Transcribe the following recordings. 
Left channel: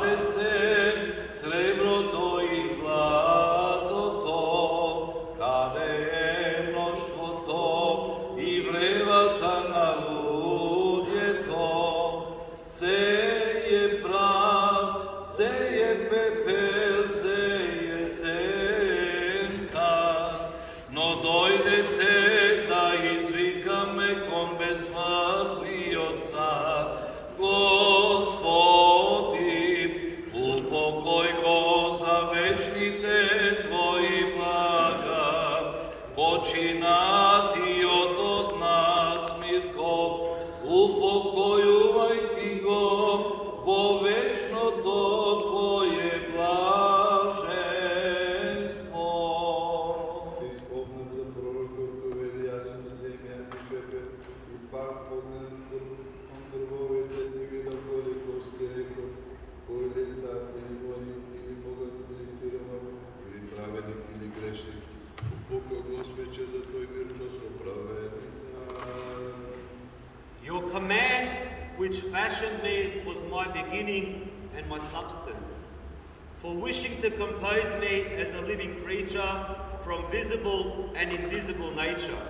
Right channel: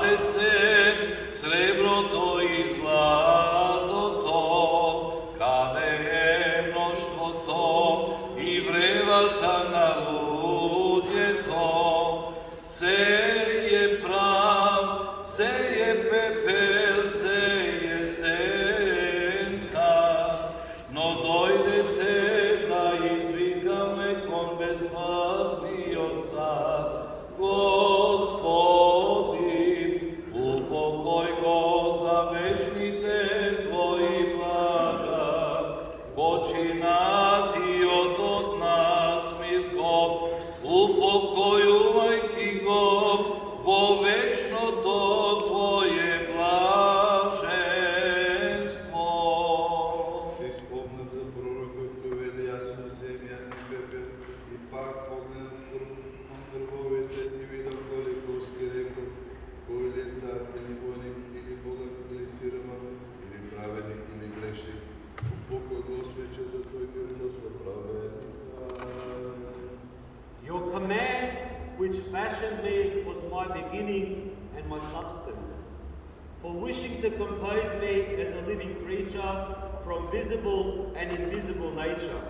dade se srebro to i zlato to, kade je mnoštvo to i vrevata na ludje to, seje prav, seje pepel, seje senka, no dojdete da izvikame kon bezsmrtni ocar, Gospodi, upokoj go za večnite tvoji blaga, počinati od nas, Mirco, upokojuvaj ti go, bo večno do tvoje blaženstvo. Се спомням за пророкът, който вели ясно земя и пепел, и пак погледнах към дървовете, не видам Голикоски, рекох, кой ли е цар или воин, или богат, или сиромах, или праведник, или грешник. Упокой Господи, да твой мирност оправедника. Your command, which fashioned me, was my beginning and my substance. For wishing to compose me as a living creature from visible and invisible nature,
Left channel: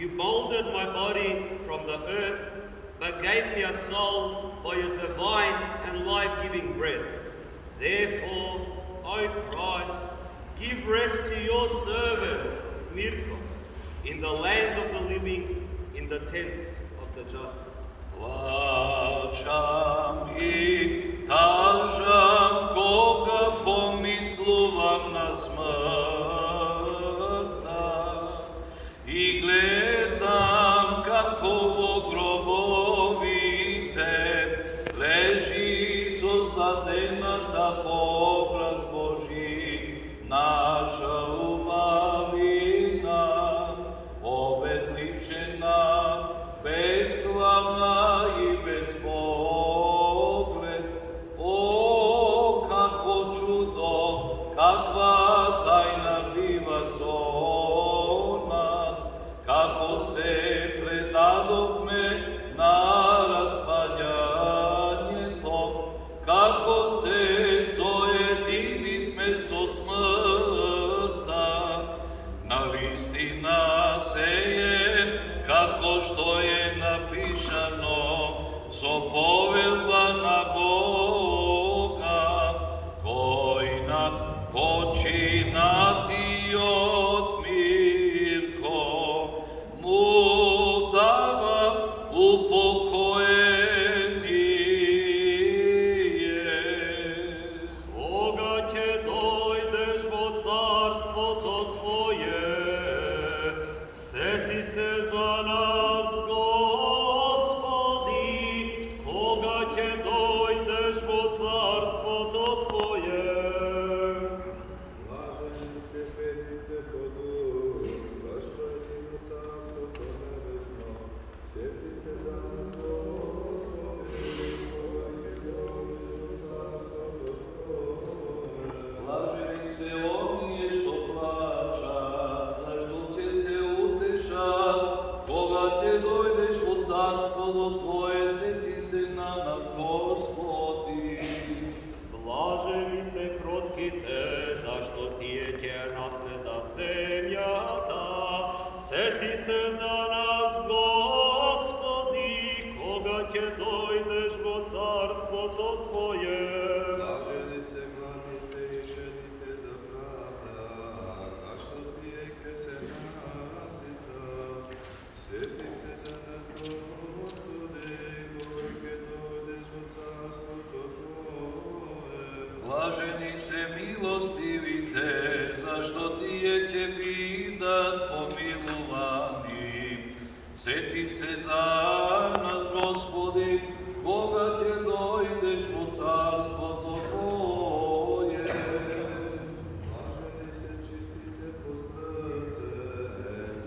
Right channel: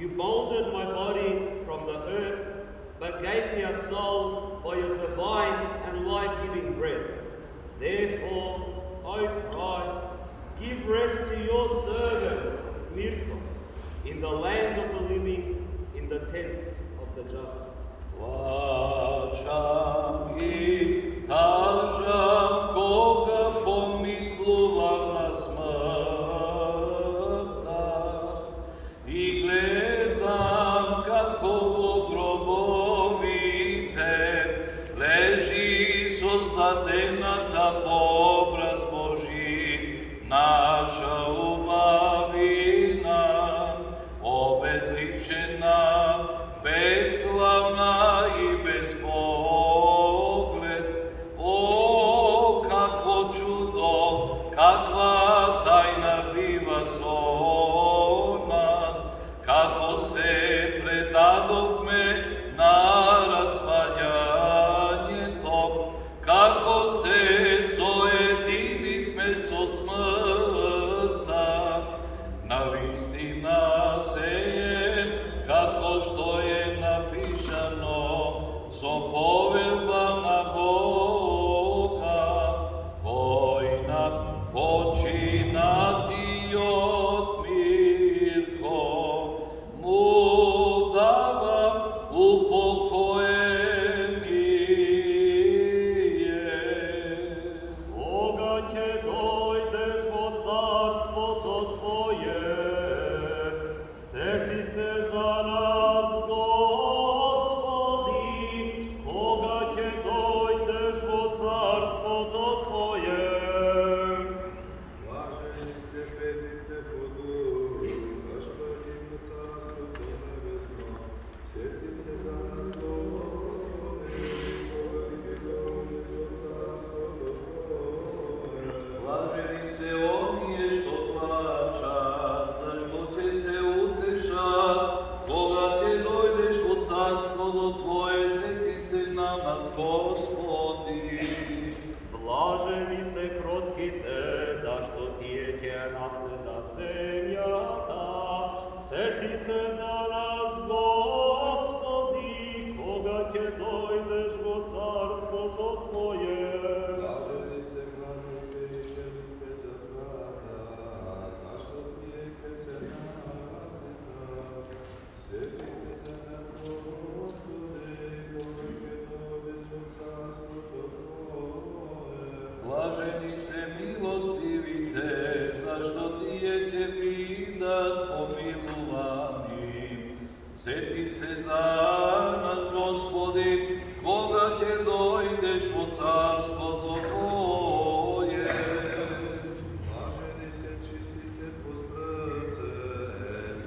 you molded my body from the earth, but gave me a soul by your divine and life-giving breath. Therefore, O Christ, give rest to your servant, Mirco, in the land of the living, in the tents of the just. Plačam i tažam koga pomisluvam na smrta i gledam kako u grobovite leži sozladena da obraz Božji naša umavina obezličena, beslavna i bez pogled. O, kakvo čudo, kakva tajna diva nas, kako se predadovme na raspaljanje to, kako se sojedinivme so smrta, na vistina seje, kako što je napišano, so povelba na Boga, koji nam počinati od Mirco, mu dava upokojenije. Koga će dojdeš vo carstvo to tvoje, seti se za nas, Gospodi, koga će dojdeš vo carstvo to tvoje. Blaženi se Petrice podu, zašto njemu carstvo to nebesno, sjeti se za nas, Gospodi, koji je dođe carstvo to tvoje. Blaženi se onije što plaća, zašto će se utešat, koga će dojdeš u carstvo do tvoje, seti se na nas, Gospodi. Blaženi se krotkite, zašto tijete nasledat zemljata, seti se za nas, Gospodi, koga će dojdeš vo carstvo to tvoje. Blaženi se gladnite i šednite za pravda, zašto pijete se nasita, sjeti se za nas, Gospode, kojke dođeš od carstvo to tvoje. Blaženi se milostivite, zašto tije će bidat pomiluvani. Seti se za nas, Gospodi, koga će dojdeš u carstvo to tvoje. Blaženi se čistite po srce,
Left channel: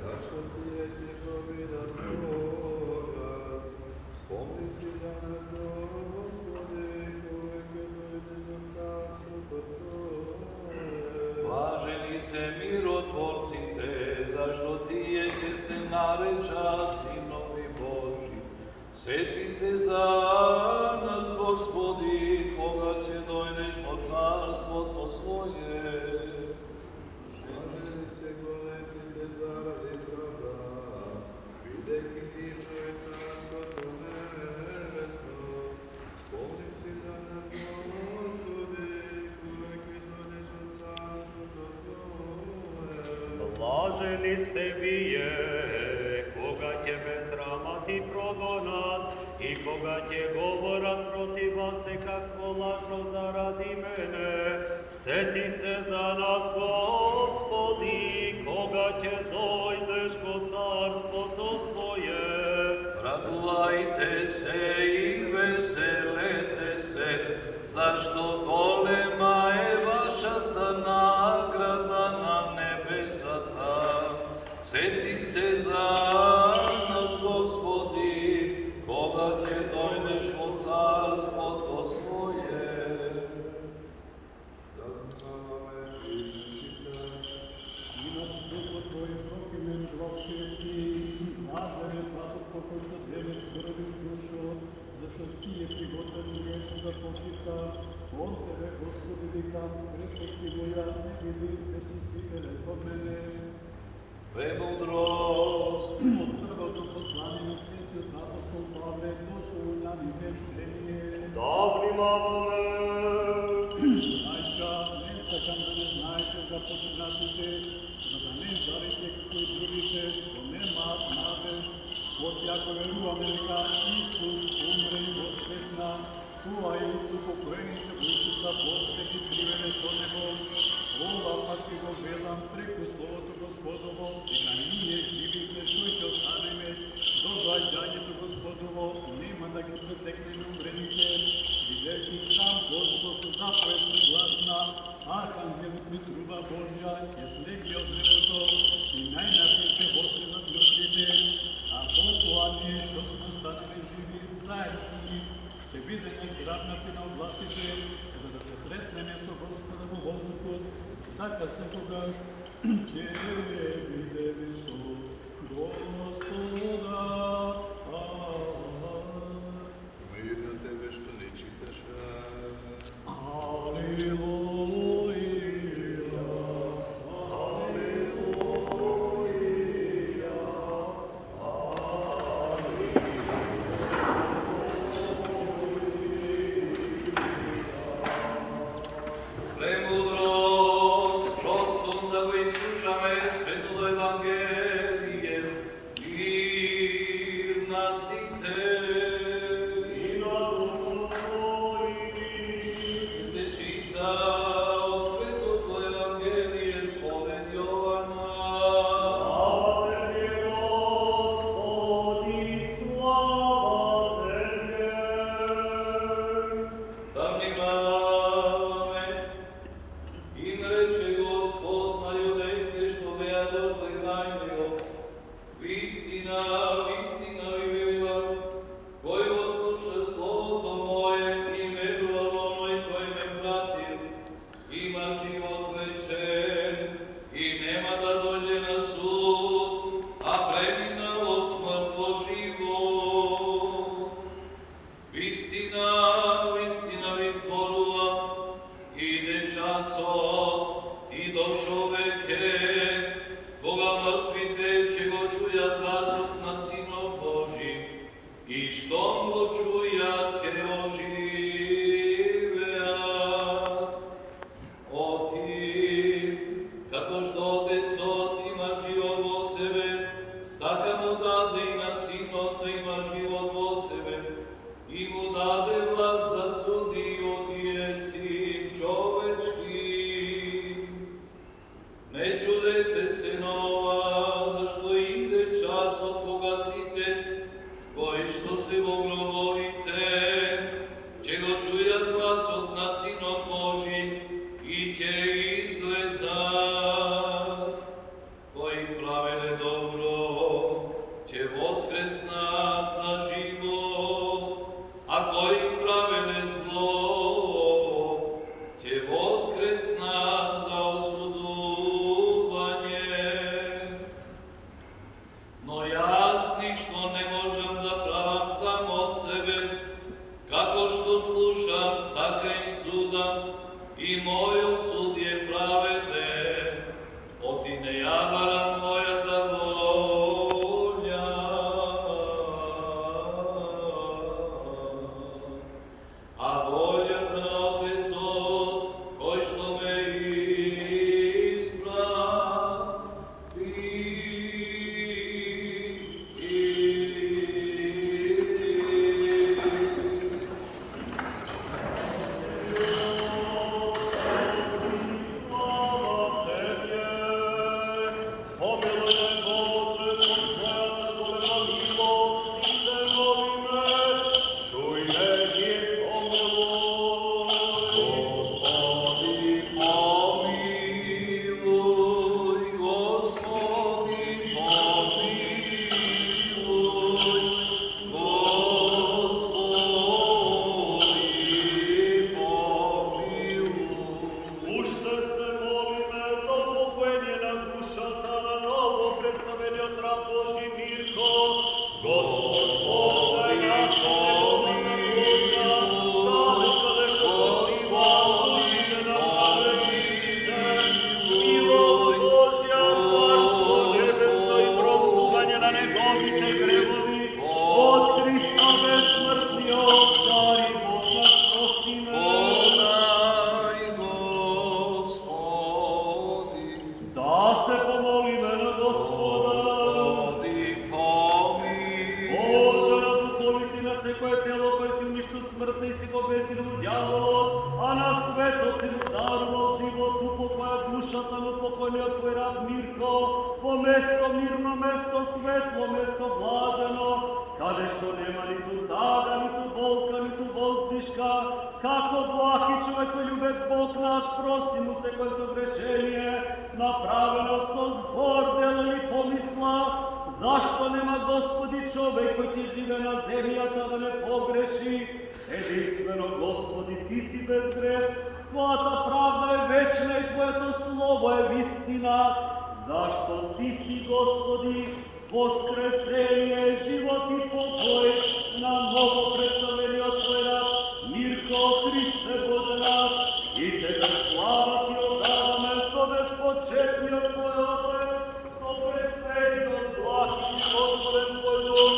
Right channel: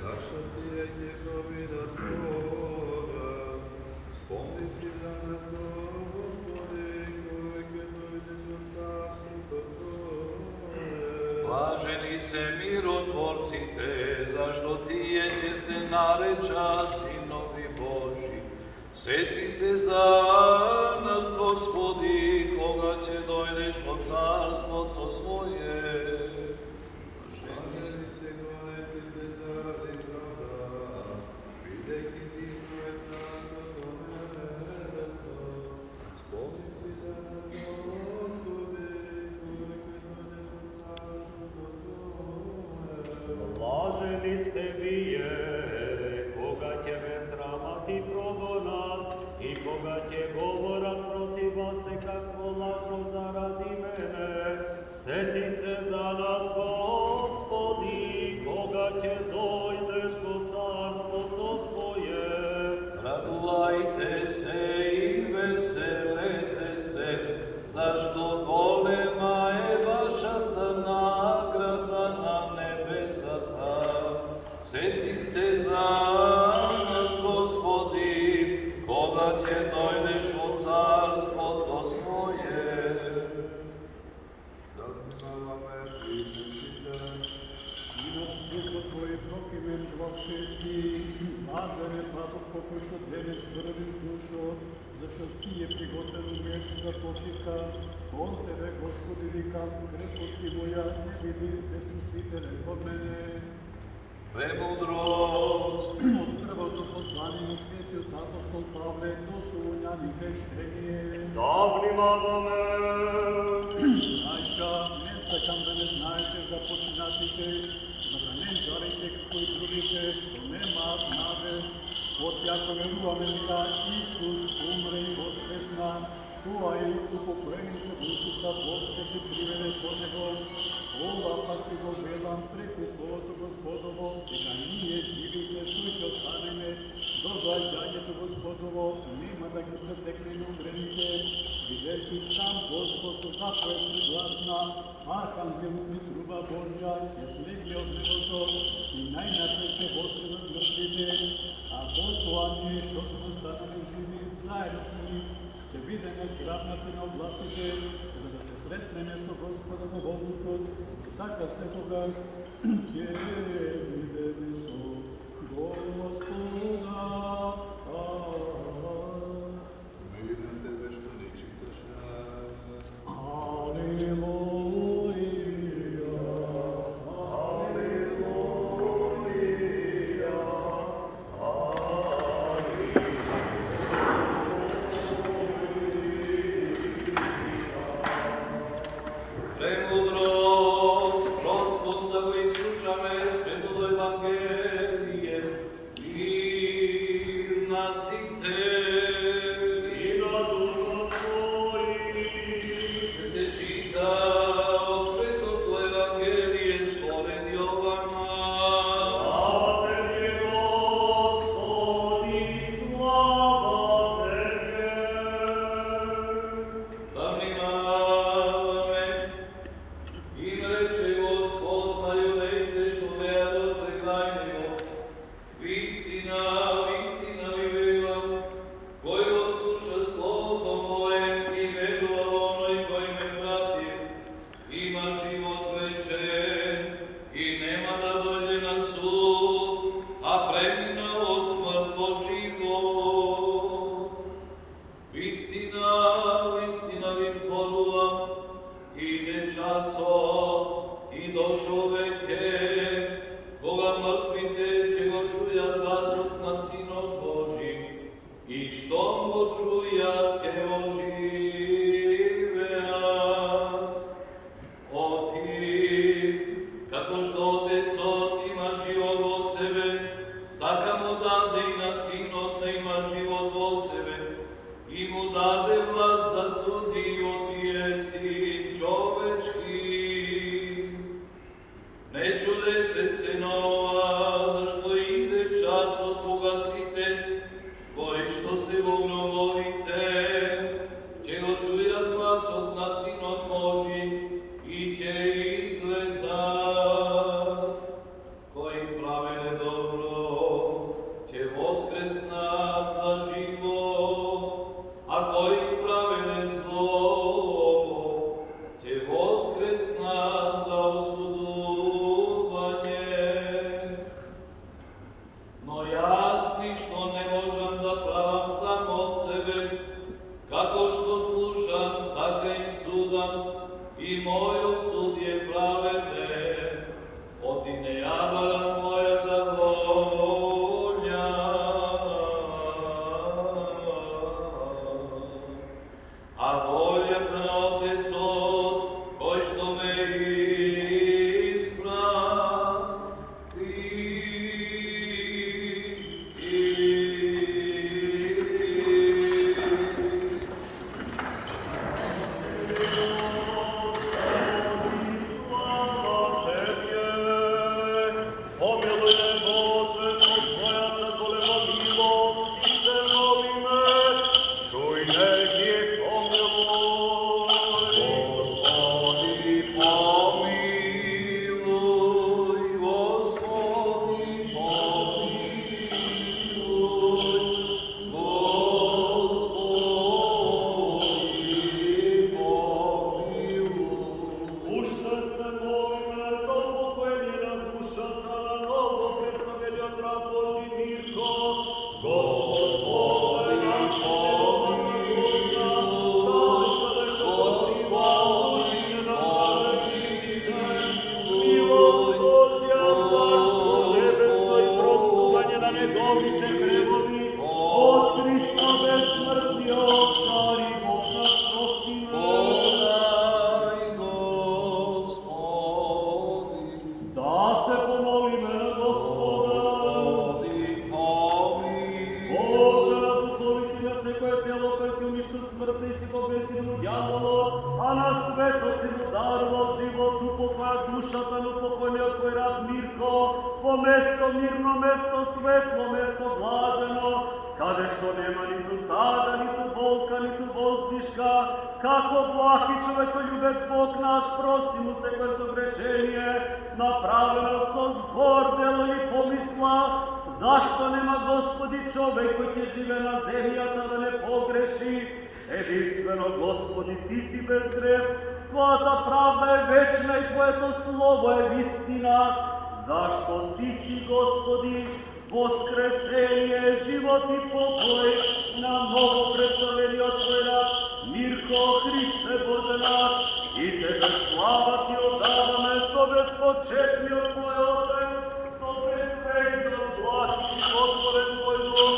zašto pijete kovina tvoga, spomni si za nas, Gospode, kojke dođeš od carstvo to tvoje. Blaženi se mirotvorcite, zašto tije će se narečat sinovi Boži. Seti se za nas, Gospodi, koga će doći dojdeš po carstvo to svoje. Švandrni se golemi bezardi pravda, videki ti tvoje carstvo to nebesko. Spomni si danas, Gospodi, koji dođeš po carstvo to tvoje. Blaženi ste vi je, koga će bez sramati progonat i koga će govorat protiv vas kakvo lažno zaradi mene. Seti se za nas, Gospodi, koga će dojdeš po carstvo to tvoje. Radujte se i veselite se, zašto golema je vaša ta nagrada na nebesata. Sjeti se za nas, Gospodi, koga će dojdeš u carstvo to svoje. Духа Твой прокимен главше си, блажен праток покой, що девет здравиш душо, защо ти е приготвен место за почивка. Он Тебе, Господи, викам, крепости моя, не биди безчувствителен от мене. Премудрост, От първото послание на светиот апостол Павле до Солуняните щение. Да внимаваме! Браќа, не сакам да не знаете за починатите, за да не жарите како и другите, што немаат надеж. От јако веруваме дека Исус умре и воскресна, тоа и упокоените во Исуса Бог ще ги приведе со него. Ова пак ти го велам преку Словото Господово, дека ние живите што ќе останеме до доаѓањето Господово, нема да ги претекнеме умрените, бидејќи сам Господ со заповед пригласна, архангелот ми труба Божја, ќе слеgne од небото и најнапред ќе воскреснат мртвите, а потоа ние што сме останали живи заедно со нив, ќе бидеме грабнати на областите, за да се сретнеме со Господа во воздухот, така секогаш ќе бидеме со Господа. Мир на тебе што ни читаше. Алелуја, алелуја, премудрост, простом да го изслушаме светото Евангелие, мир на сите. И на духот твоим. Се чита од светото Евангелие според Јована. Слава Тебе, Господи, слава Тебе! Да внимаваме и рече Господ на јудеите што беа дошли крај него. Вистина, вистина ви велам, кој го слуша словото мое и верува во оној кој ме прати, има живот вечен и нема да дојде на суд, а преминал од смрт во живот. Вистина, вистина ви зборувам, иде часот и дошол веќе, кога мртвите ќе го чујат гласот на Синот Божи, и штом го чујат ќе оживеат. Отим, како што Отецот има живот во себе, така му даде и на Синот да има живот во себе, и му даде власт да суди отие Син човечки. Не чудете се на ова, зашто иде часот кога сите, кои што се во гробовите, ќе го чујат гласот на Синот Божи и ќе излезат. Кои правеле добро, ќе воскреснат за живот, а кои правеле зло, ќе воскреснат за осудување. Но јас ништо не можам да правам само moju sudje pravedne, otine jabara moja da volja. A volja na Oteco, koji što me mirno mesto, svetlo mesto, blaženo, kade što nema ni tu tada, ni tu bolka, ni tu bozdiška, kako blagi čovekoljubec Bog naš, prosti mu se koje su grešenje, napravljeno so zbor, delo i pomisla, zašto nema Gospodi čovek koji će žive na zemlji, a tada ne pogreši, jedinstveno Gospodi, ti si bez greh, tvoja ta pravda je večna i tvoje to slovo je istina. Zašto ti si, Gospodi, voskresenje, život i pokoj, na novo predstavljeni od tvoj rab, Mirko, Hriste Bože naš, i tebe slava ti odadame, sobe spočetni od tvoj Otec, sobe sveti od blagi i Gospode tvoj duh,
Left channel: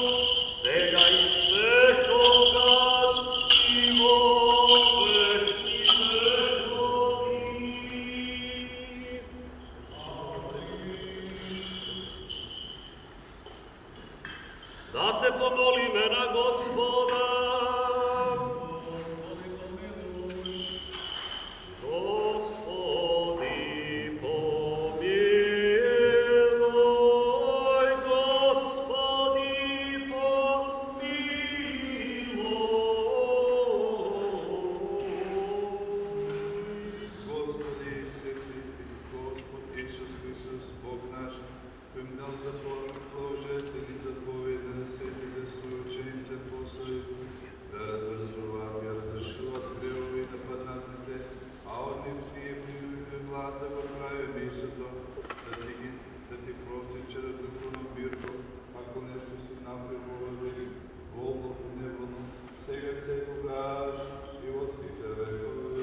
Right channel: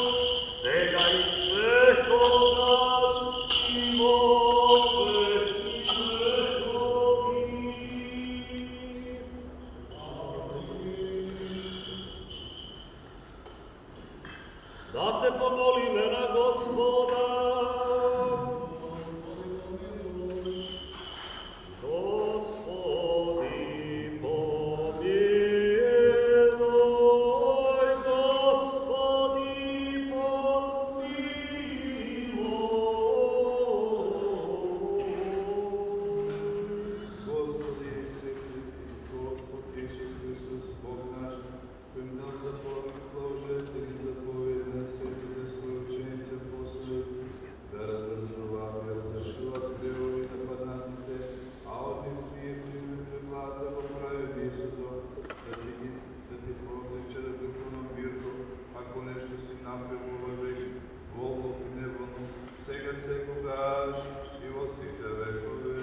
sega i svekogaš, i vovek i vekovi. Da se pomoli imena Gospoda. Gospodi pomiluj, Gospodi pomiluj. Gospodи, sveti Gospod Isus Hristos, Bog naš, kojem dal bожествени заповеди на светите свои ученица послали да развързуват и разрешуват грехове на паднатите, а от них ние примем власт да го правим истото, да ти прости вчера духовно Мирко, ако нещо си направил във век, волно и неволно, сега секогаш и во сите векове.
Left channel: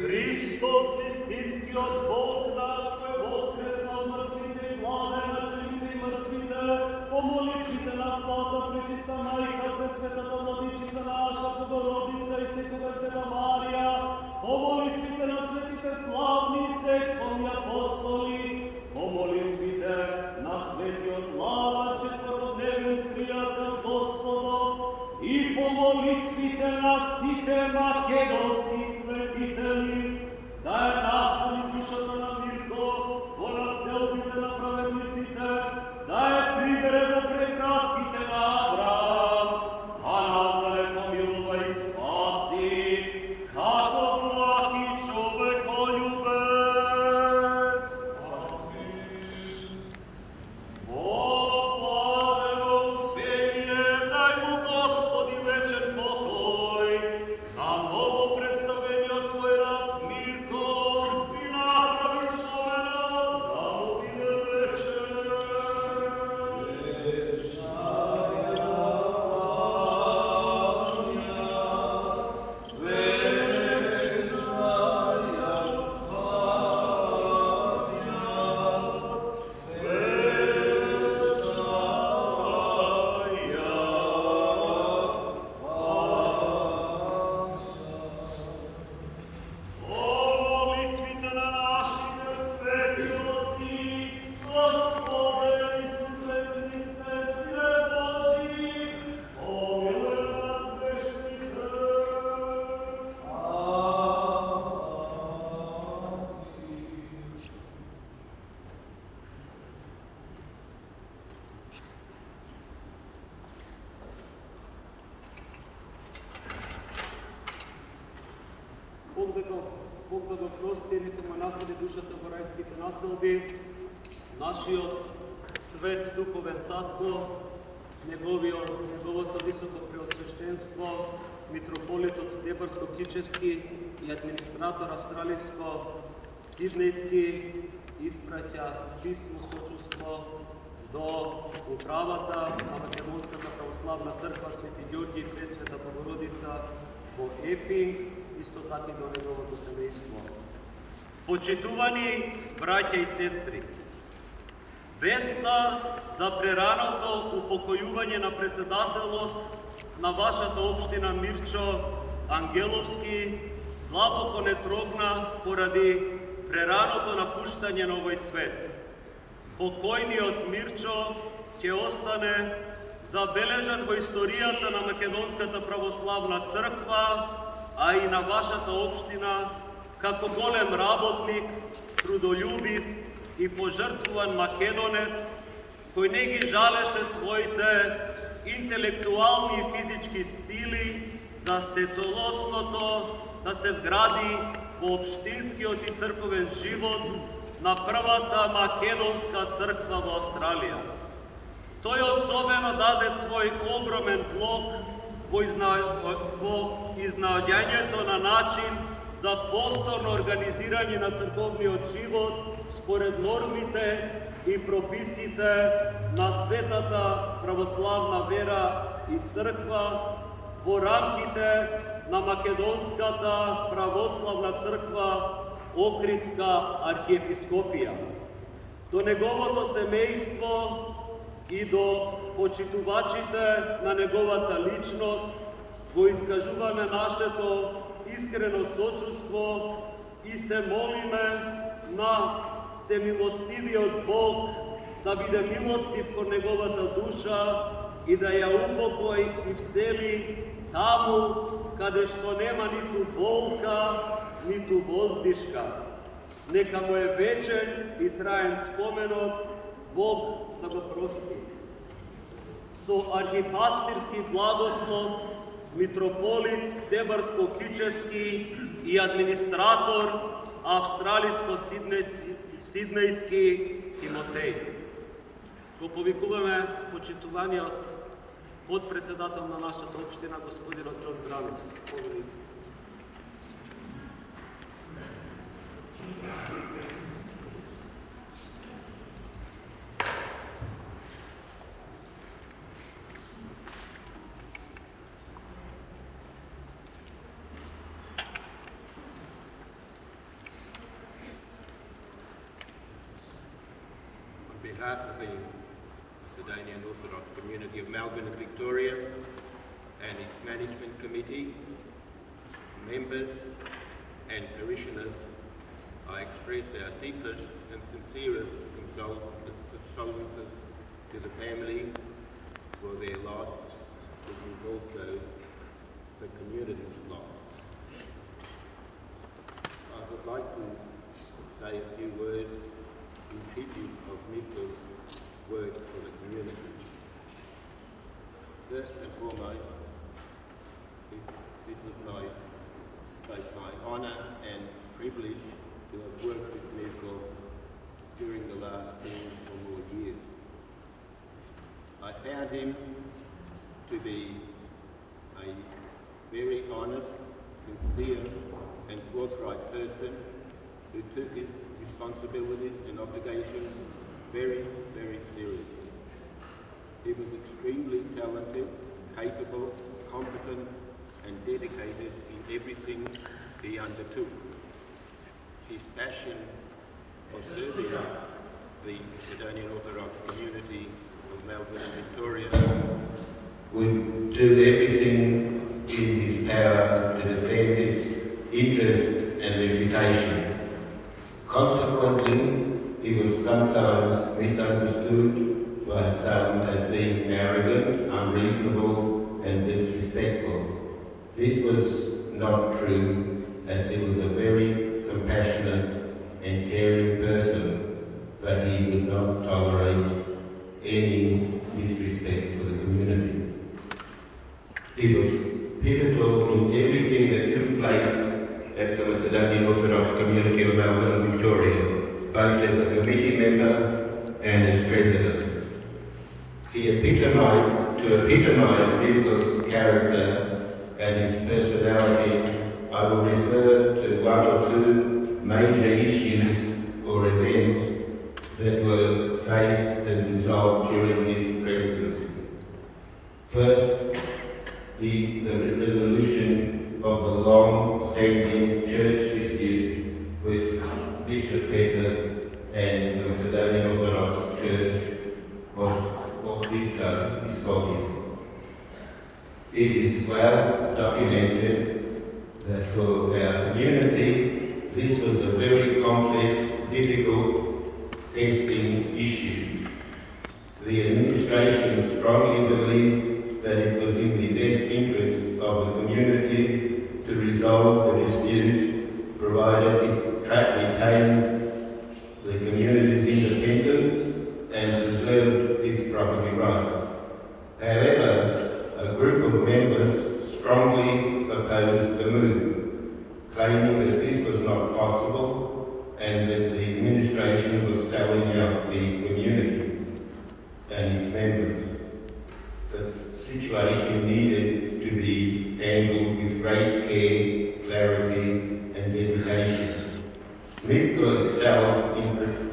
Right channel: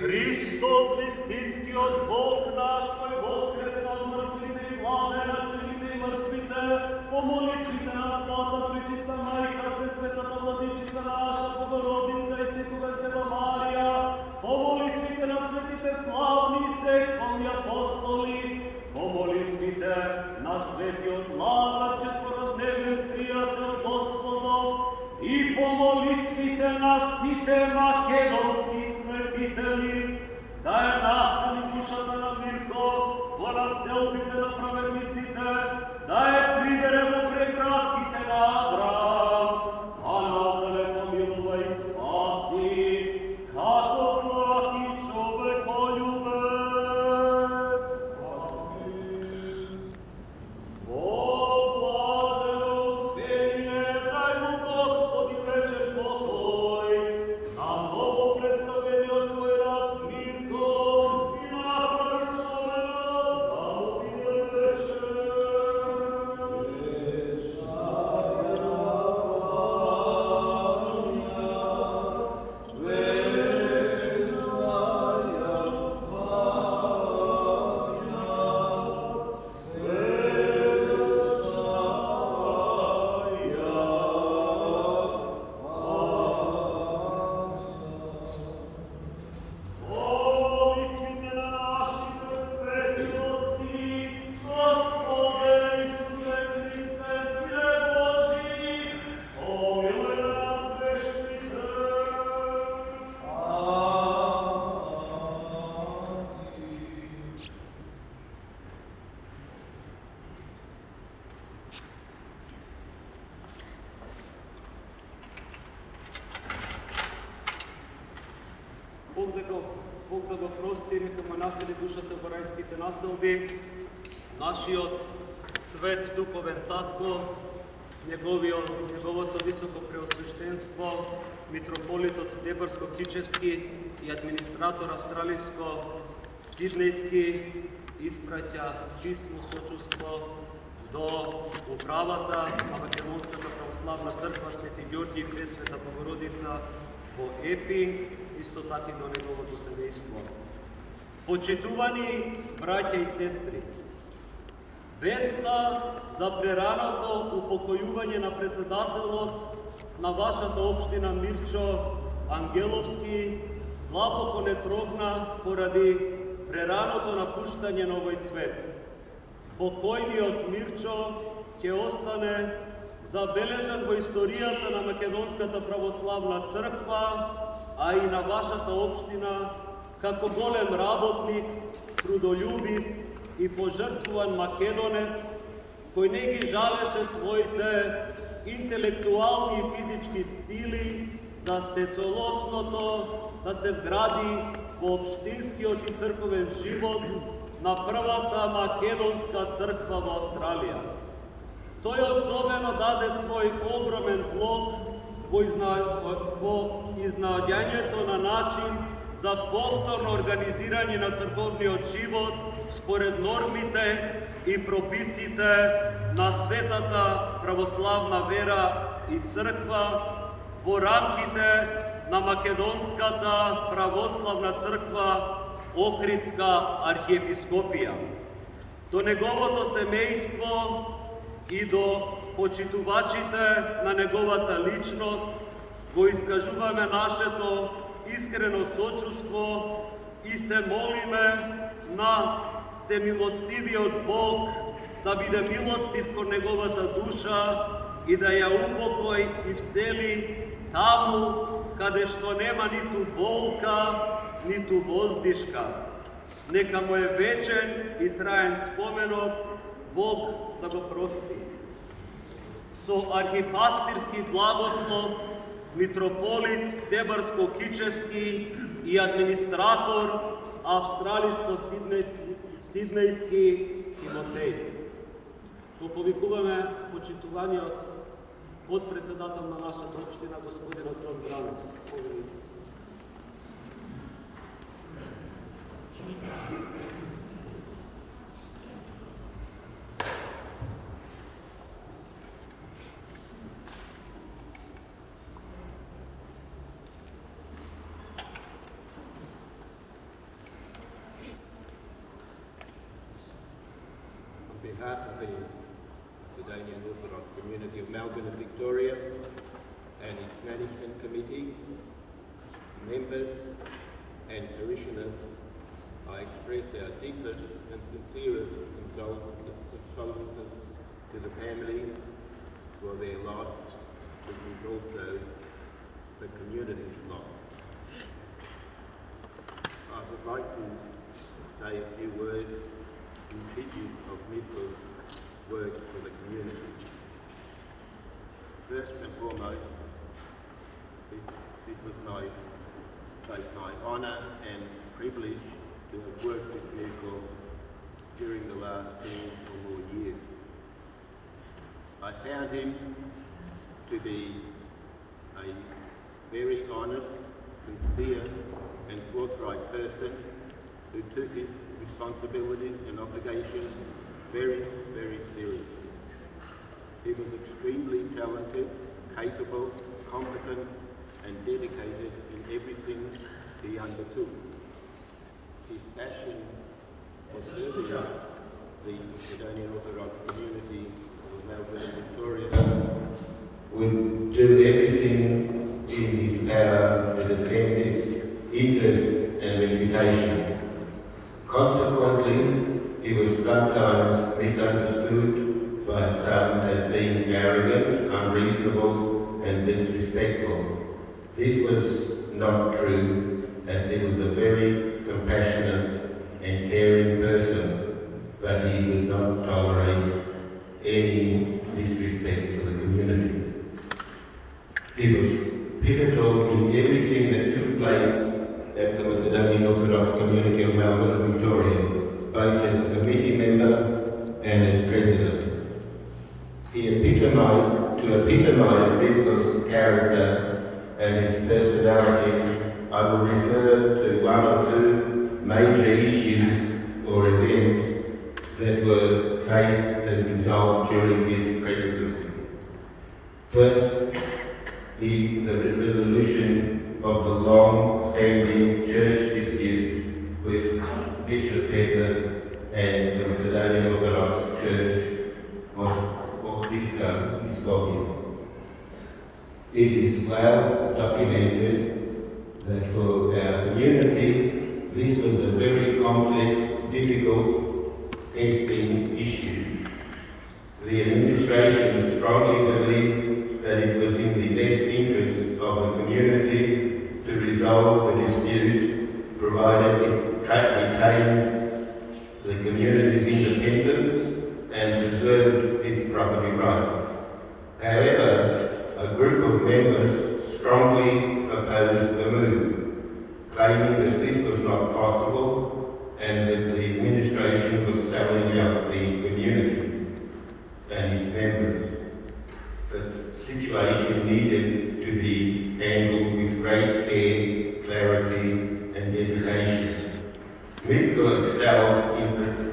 Христос вистински от Бог наш, кой воскреса от мъртвите и владе на живите и мъртвите, по молитвите на Свята Пречиста Майка, Пресветата Владичица наша, Богородица и Светова Дева Мария, по молитвите на светите славни секвани апостоли, по молитвите на светиот Лазар, четвородневен приятел Господов, и по молитвите на сите македонски светители, да е насели душата на Mirco во населбите на праведниците, да е прибере во преградките на Авраам, а нас да не помилува и спаси, како благ и човеколюбец. Во блажено успение дай му Господи вечен покой, на ново представени от твой раб Mirco, и направи спомена да му биде вечен прости, нека му насели душата во рајските населби, нашиот свет духовен татко, неговото високо преосвещенство, митрополитот Дебарско-Кичевски и администратор австралиско-сиднејски испраќа писмо сочувство до управата на Македонската православна црква Свети Georgij и Пресвета Богородица во Epping, исто така и до неговото семејство. Почитувани браќа и сестри, веста за прераното упокојување на председателот на вашата општина Mirco Angelovski длабоко не трогна поради прераното напуштање на овој свет. Покојниот Mirco ќе остане забележан во историјата на Македонската православна црква, а и на вашата општина, како голем работник, трудолюбив и пожртвуван македонец, кој не ги жалеше своите интелектуални и физички сили за сецолосното да се вгради во општинскиот и црковен живот на првата македонска црква во Австралија. Тој особено даде свој огромен влог во изнаоѓањето на начин за повторно организирање на црковниот живот според нормите и прописите на светата православна вера и црква во рамките на Македонската православна црква Охридска архиепископија. До неговото семејство и до почитувачите на неговата личност го искажуваме нашето искрено сочувство и се молиме на всемилостивиот Бог да биде милостив кон неговата душа и да ја упокои и всели таму каде што нема ниту болка, ниту воздишка. Нека му е вечен и траен споменот, Бог да го прости. Со архипастирски благослов, митрополит Дебарско-Кичевски и администратор австралиско-сиднејски Тимотеј. Го повикуваме почитуваниот подпредседател на нашата општина, господинот Джон Бранов. On behalf of the Macedonian Orthodox community of Melbourne and Victoria and its management committee, members and parishioners, I express our deepest and sincerest condolences to the family for their loss, which is also the community's loss. I would like to say a few words in tribute of Mirco's work for the community. First and foremost, it was both my honour and privilege to have worked with Mirco during the last 10 or more years. I found him to be a very honest, sincere and forthright person who took his responsibilities and obligations very, very seriously. He was extremely talented, capable, competent and dedicated in everything he undertook. His passion for serving the Macedonian Orthodox community of Melbourne and Victoria would do everything in his power to defend its interest and reputation. Consequently, he was sometimes misunderstood by some as being arrogant, unreasonable and disrespectful. This was not true, as he was a very compassionate and caring person, but he did not tolerate any disrespect for the community. He was pivotal in everything that took place at the Macedonian Orthodox community community of Melbourne and Victoria, both as a committee member and as president. To epitomise Mirco's character and his personality, I will refer to one or two major issues or events that were faced and resolved during his presidency. First, the resolution of the long-standing church dispute with Bishop Peter and the Macedonian Orthodox Church of Eulogy. It is well documented that for our community, this was a very complex, difficult, testing issue. The administration strongly believed that it was in the best interest of the community to resolve the dispute, provided it retained the community's independence and preserved its property rights. However, a group of members strongly opposed the move, claiming that this was not possible and that the administration was selling out the community and its members. The situation needed to be handled with great care, clarity, and dedication. Mirco excelled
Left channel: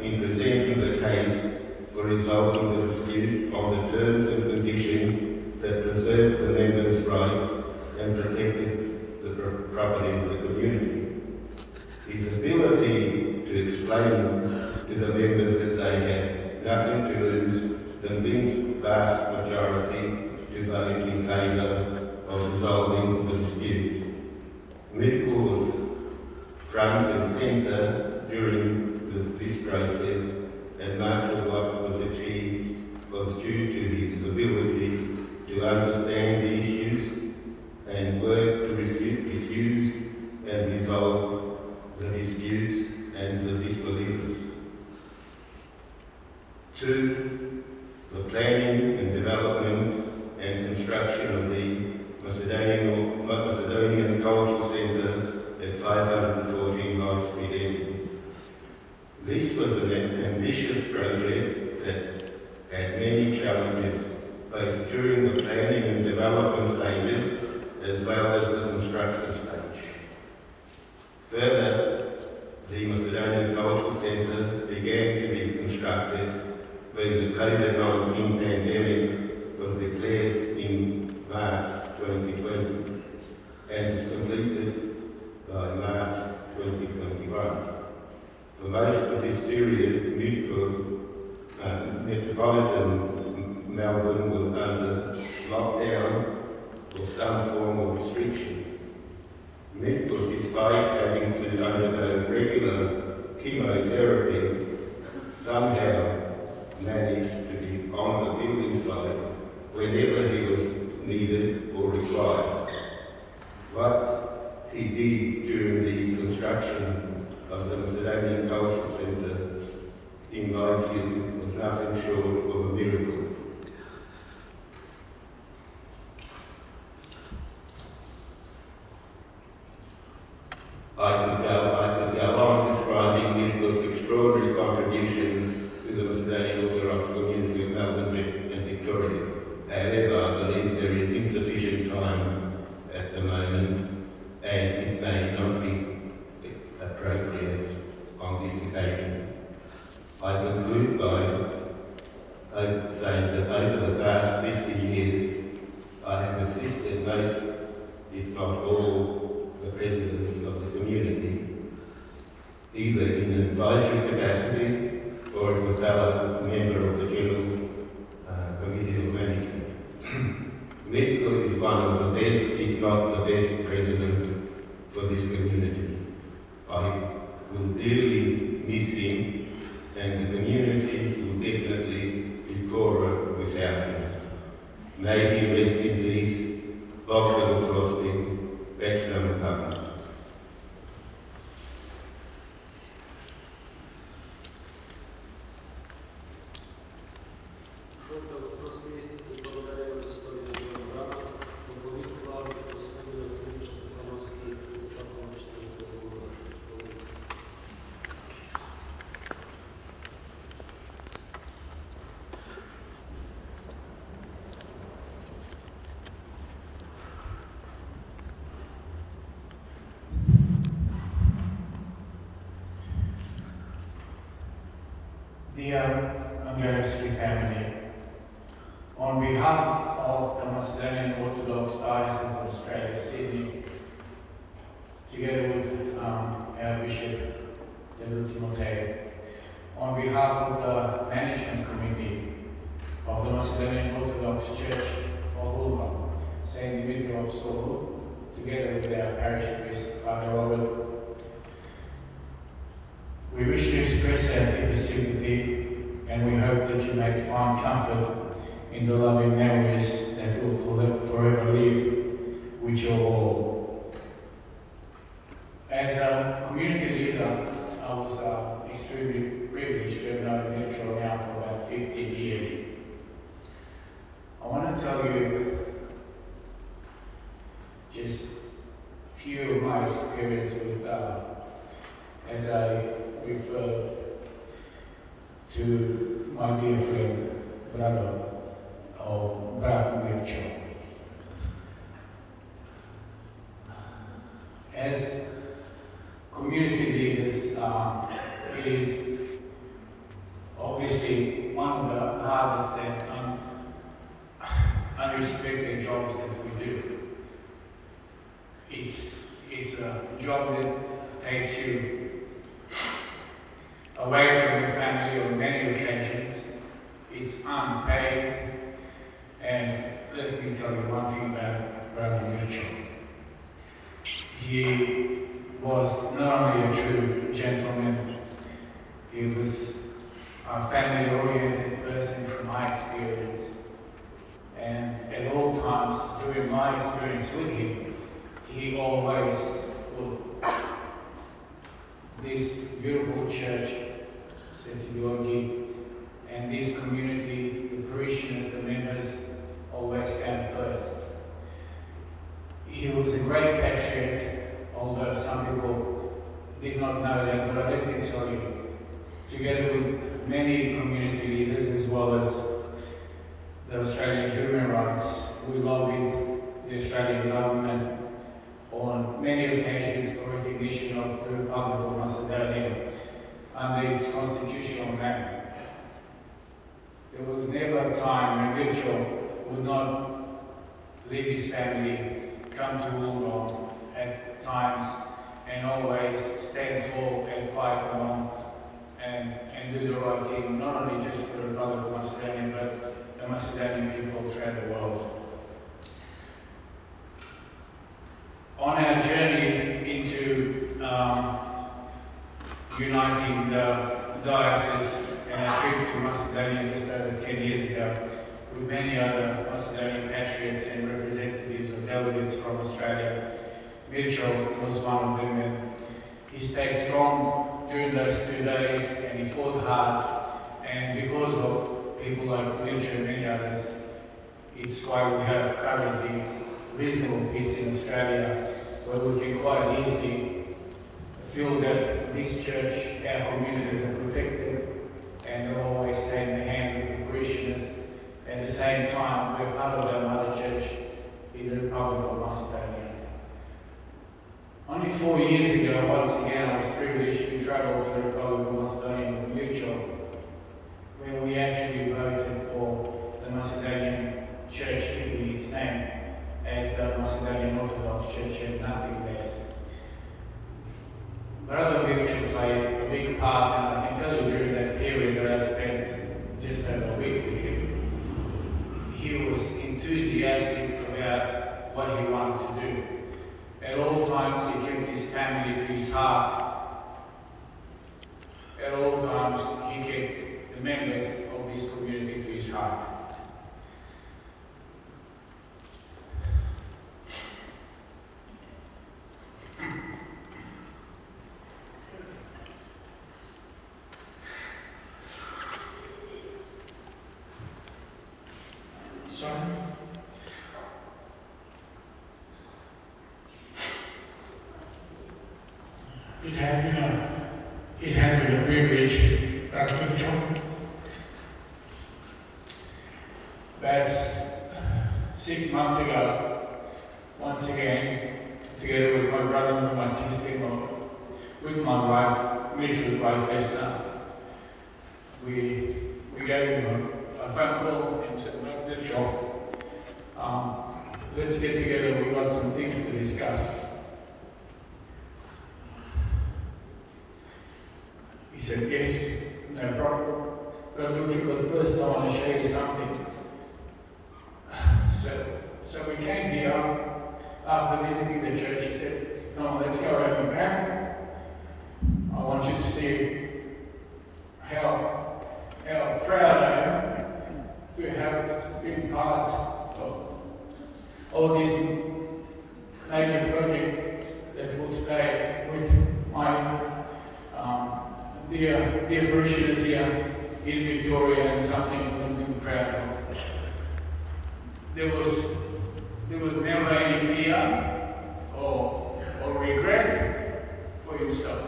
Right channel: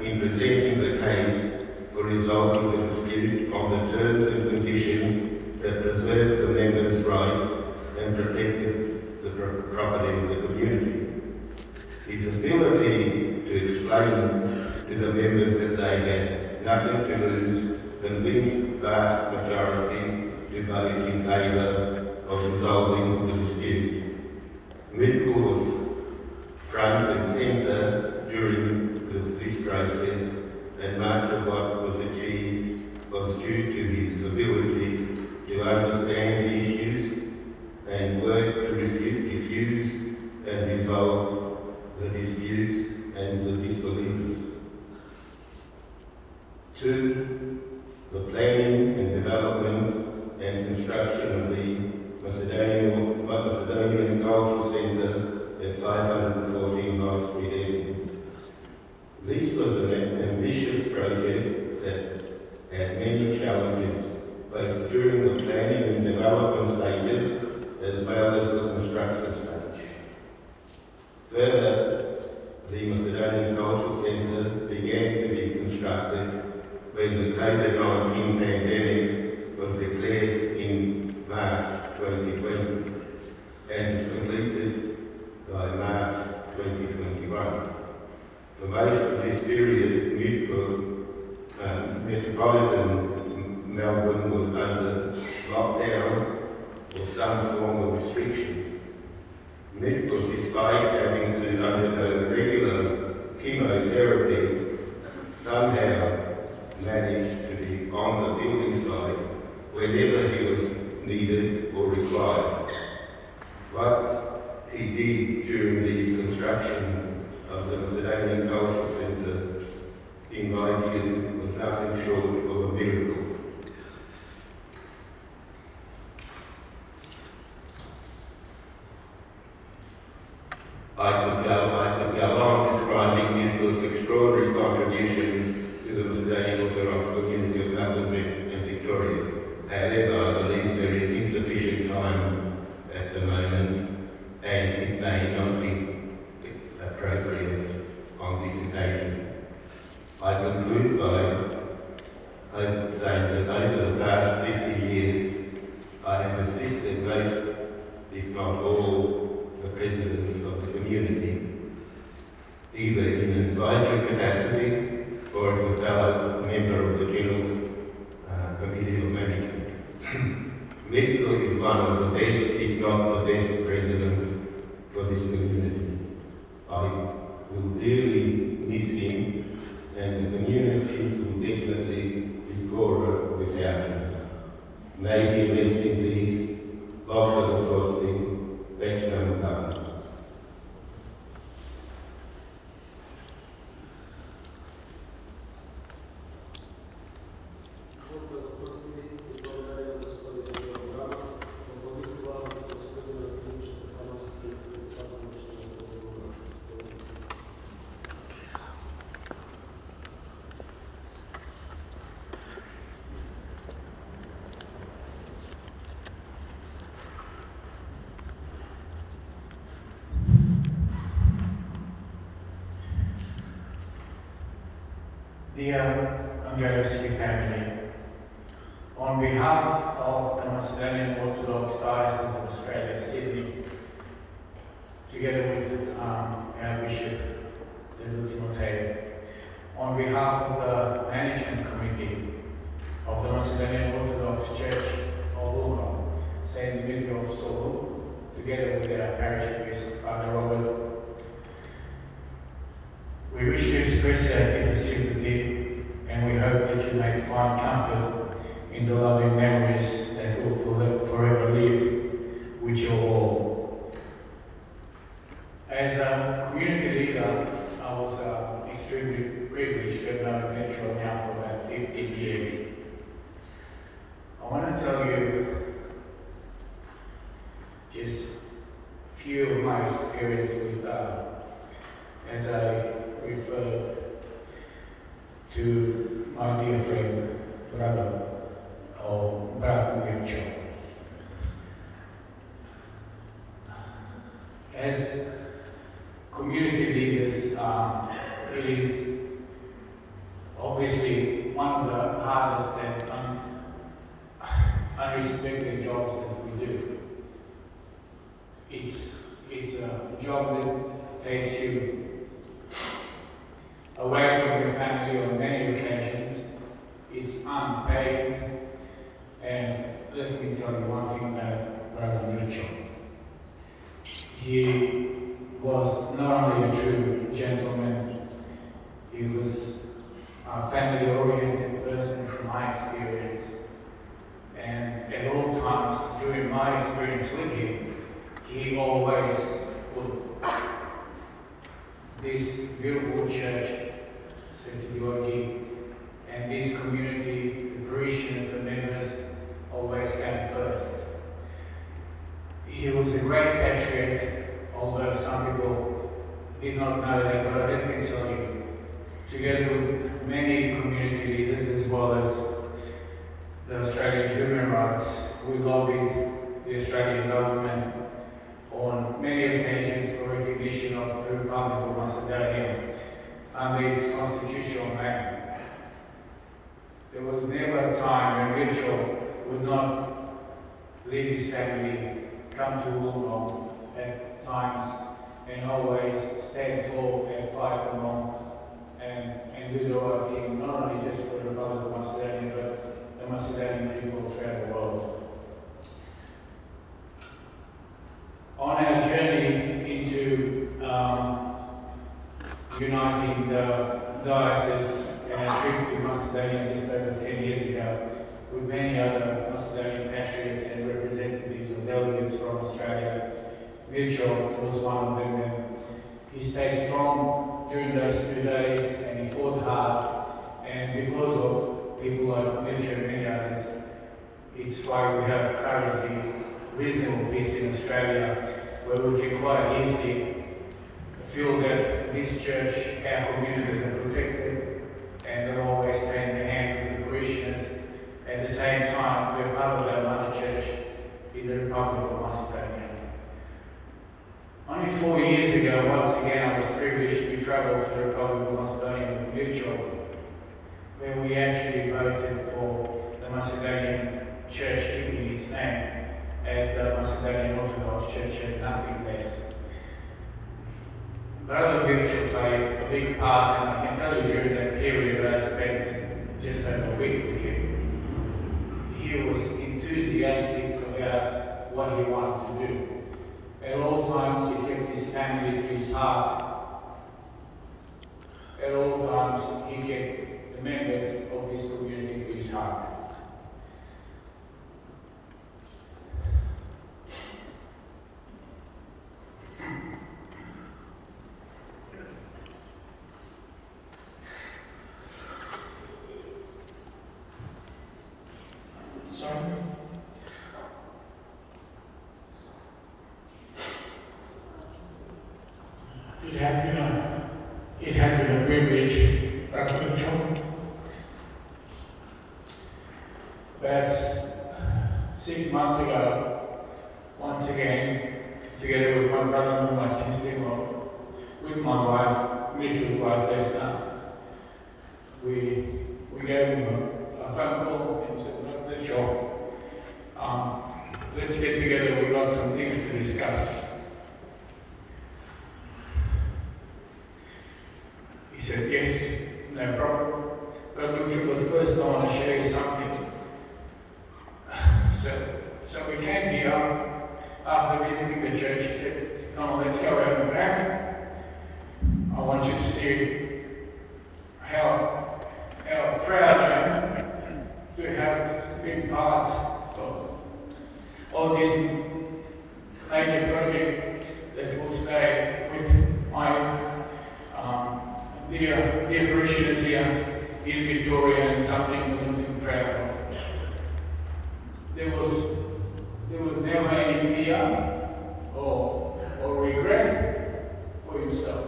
in presenting the case for resolving the dispute on the terms and conditions that preserved the members' rights and protected the property of the community. His ability to explain to the members that they had nothing to lose convinced vast majority to vote in favour of resolving the dispute. Mirco was front and centre during this process, and much of what was achieved was due to his ability to understand the issues and work to diffuse and resolve the disputes and the disbeliefs. 2. The planning and development and construction of the Macedonian Cultural Centre at 514 High Street, Epping. This was an ambitious project that had many challenges, both during the planning and development stages as well as the construction stage. Further, the Macedonian Cultural Centre began to be constructed when the COVID-19 pandemic was declared in March 2020 and is completed by March 2021. For most of this period, metropolitan Melbourne was under lockdown or some form of restrictions. Mirco, despite having to undergo regular chemotherapy, somehow managed to be on the building site whenever he was needed or required. What he did during the construction of the Macedonian Cultural Centre, in my view, was nothing short of a miracle. I could go on describing Mirco's extraordinary contribution to the Macedonian Orthodox community of Melbourne and Victoria. However, I believe there is insufficient time at the moment, and it may not be appropriate on this occasion. I conclude by saying that over the past 50 years, I have assisted most, if not all, the presidents of the community, either in an advisory capacity or as a valid member of the General Committee of Management. Mirco is one of the best, if not the best, president for this community. I will dearly miss him, and the community will definitely be poorer without him. May he rest in peace. Bogrebot Prosting, Bachelor Mutaka. Dear Angelovski family, on behalf of the Macedonian Orthodox Diocese of Australia, Sydney, together with our Bishop, Timoteo, on behalf of the Management Committee of the Macedonian Orthodox Church of Ulma, St. Mirco of Solu, together with our parish priest, Father Robert, we wish to express our deepest sympathy, and we hope that you may find comfort in the loving memories that will forever live with you all. As a community leader, I was extremely privileged to have known Mirco now for about 15 years. I want to tell you just a few of my experience with, as I refer to my dear friend, brother Mirco. As community leaders, it is obviously one of the hardest and unrespected jobs that we do. It's a job that takes you away from your family on many occasions. It's unpaid, and let me tell you one thing about Brother Mirco. He was not only a true gentleman, he was a family-oriented person from my experience. And at all times during my experience with him, he always would this beautiful church, St. Eulogy, and this community, the parishioners, the members, always came first. He was a great patriot, although some people did not know that, but let me tell you, together with many community leaders as well as the Australian human rights, we lobbied the Australian government on many occasions for recognition of the Republic of Macedonia under its constitutional name. There was never a time when Mirco would not leave his family, come to Ulma at times, and always stand tall and fight along and do the right thing, not only just for the Republic of Macedonia, but the Macedonian people throughout the world. On our journey into uniting the diocese and our trip to Macedonia just over 10 years ago, with many other Macedonian patriots and representatives or delegates from Australia, Mirco was one of them, and he stayed strong during those 2 days, and he fought hard, and because of people like Mirco and many others, it's why we have currently reasonable peace in Australia, where we can quite easily feel that this church, our communities are protected, and they'll always stay in the hands of the parishioners. At the same time, we're part of our mother church in the Republic of Macedonia. Only 4 years ago, once again, I was privileged to travel to the Republic of Macedonia with Mirco, where we actually voted for the Macedonian church keeping its name as the Macedonian Orthodox Church and nothing less. Brother Mirco played a big part, and I can tell you during that period that I spent just over a week with him, he was enthusiastic about what he wanted to do. At all times he kept his family to his heart. At all times he kept the members of this community to his heart. It has been a privilege, Dr. John. That's 6 months ago, once again, together with my brother and my sister-in-law, with my wife, Mirco's wife, Esther, we gave him a phone call and said, "Look, Mirco, let's get together, we got some things to discuss." He said, "Yes, no problem. But look, first I want to show you something." So we came here after visiting the church. He said, "Come on, let's go around the back. I want you to see how proud I am to have been part of this major project that will stay with my dear parishioners here in Victoria, and something for them to be proud of." There was never any fear or regret for himself.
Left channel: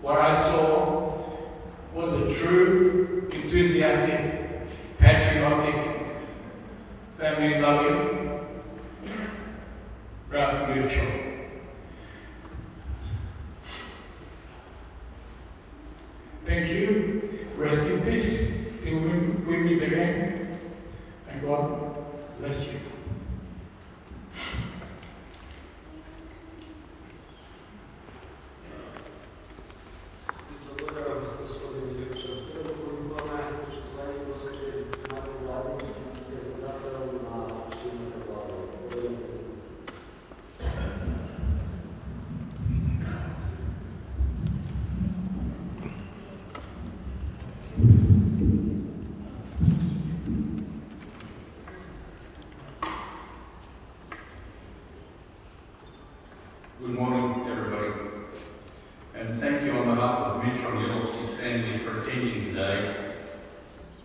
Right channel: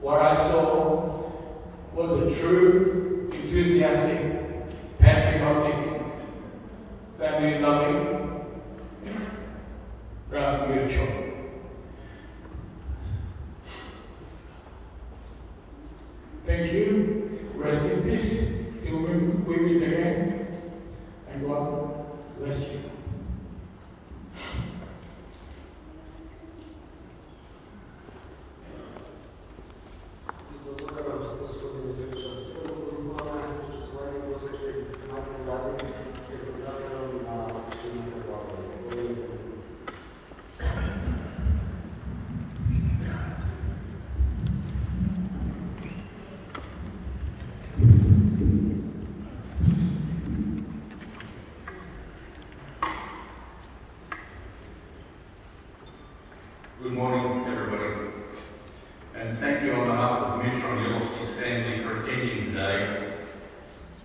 What I saw was a true, enthusiastic, patriotic, family-loving brother Mirco. Thank you. Rest in peace. Till we meet again. And God bless you. Good morning, everybody, and thank you on behalf of Mirco Angelovski's family for attending today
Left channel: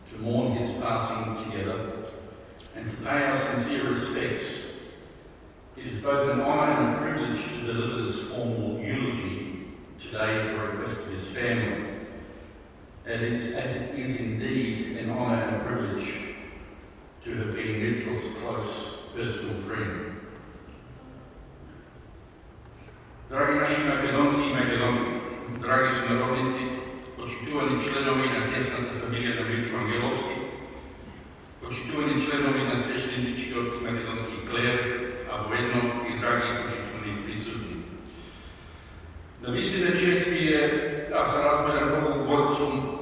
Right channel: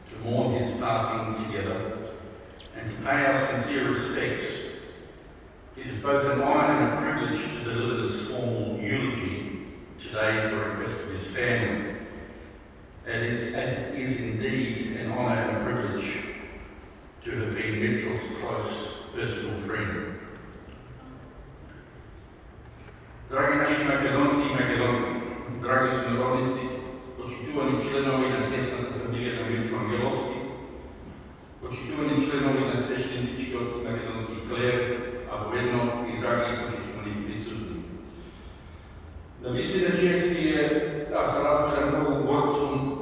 to mourn his passing together and to pay our sincere respects. It is both an honour and a privilege to deliver this formal eulogy today at the request of his family. It is indeed an honour and a privilege to have been Mirco's close personal friend. Dragi naši Makedonci i Makedonke, dragi sunarodnici, počituvani členovi na tesната familija na Mirco Angelovski, почитувани членови на свещенички от македонски клер, а воедно и драги почитувани присутни. Навистина чест ми е, аз размерам много горд сум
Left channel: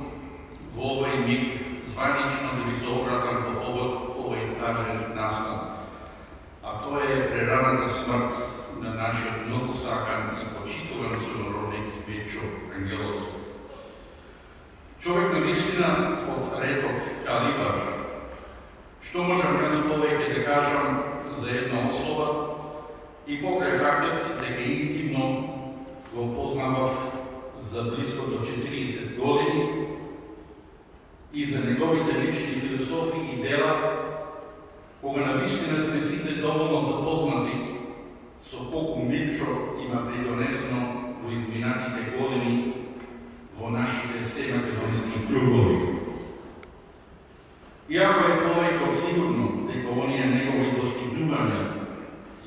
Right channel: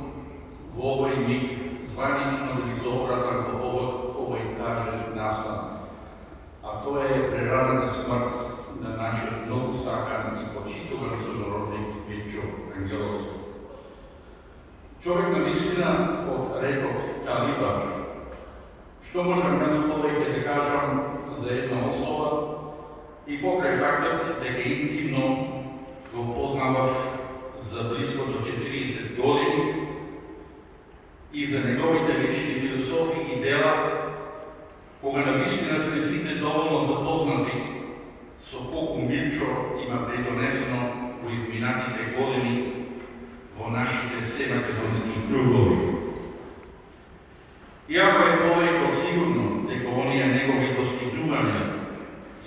во овој миг званично да ви се обратам по повод овој тажен наслов, а тоа е прераната смрт на нашиот многу сакан и почитуван сонародник Mirco Angelovski. Човек навистина од редок калибар. Што можам јас повеќе да кажам за една особа и покрај фактот дека интимно го познавав за близко до 40 години и за неговите лични философии и дела, кога навистина сме сите доволно запознати со колку Mirco има придонесено во изминатите години во нашите семакедонски кругови. Иако е повеќе сигурно дека оние негови достигнувања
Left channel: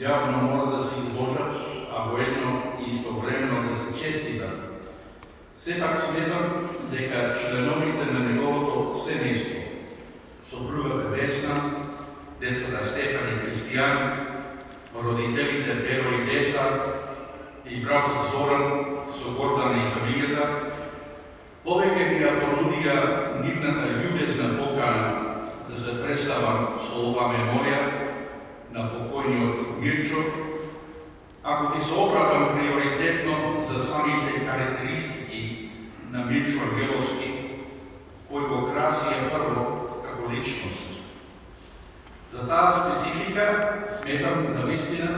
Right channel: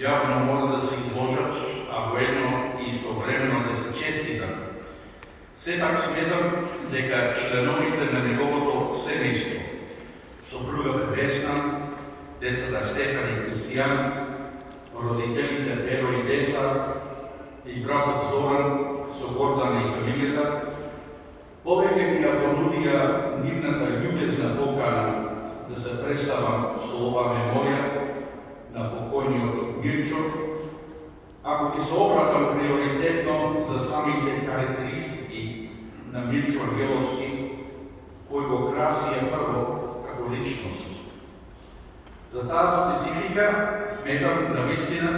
јавно мора да се изложат, а воедно и истовремено да се честитат, сепак сметам дека членовите на неговото семејство, сопругата Весна, децата Стефан и Кристијан, родителите Еро и Деса и братот Зоран со Гордана и фамилијата, повеќе ми ја понудија нивната љубезна покана да се представам со оваа меморија на покојниот Mirco, ако ви се обратам приоритетно за самите карактеристики на Mirco Angelovski, кои го красија прво како личност. За таа специфика сметам навистина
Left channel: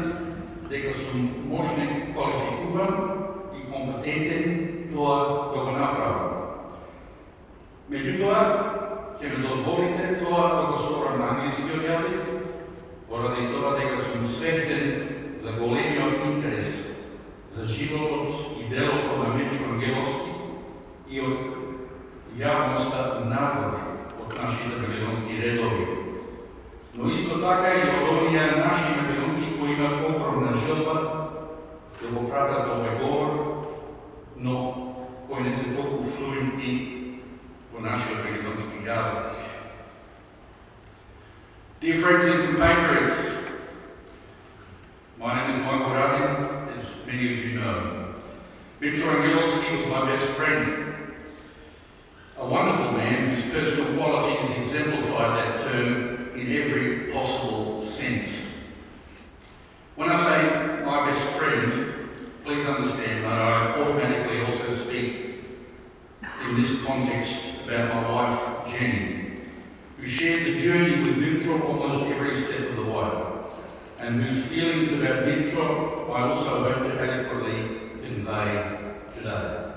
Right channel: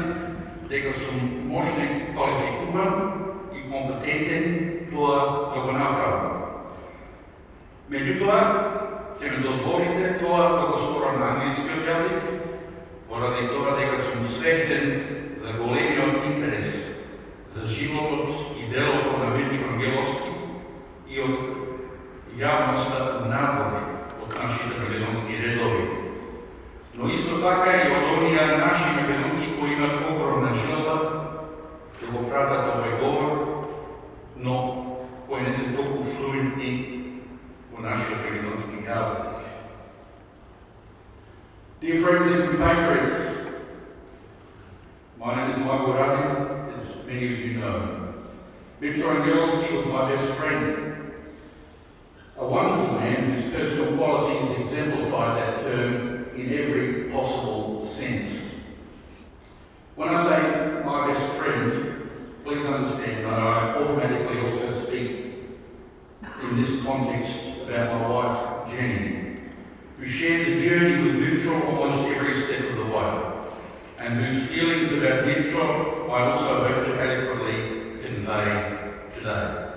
дека сум можник, квалификуван и компетентен тоа да го направам. Меѓутоа, ќе ме дозволите тоа да го сторам на англискиот јазик, поради тоа дека сум свесен за големиот интерес за животот и делото на Mirco Angelovski и од јавноста надвор од нашите македонски редови. Но исто така и од оние наши македонци кои имат огромна желба да го пратат овој говор no koji ne se toliko fluentni u našoj makedonski jezik. Dear friends and compatriots, my name is Mirco, as many of you know. Mirco Angelovski was my best friend. A wonderful man whose personal qualities exemplified that term in every possible sense. When I say my best friend, please understand that I automatically also speak in this context about my wife, Jenny, who shared the journey with Mirco almost every step of the way, and whose feelings about Mirco I also hope to adequately convey today.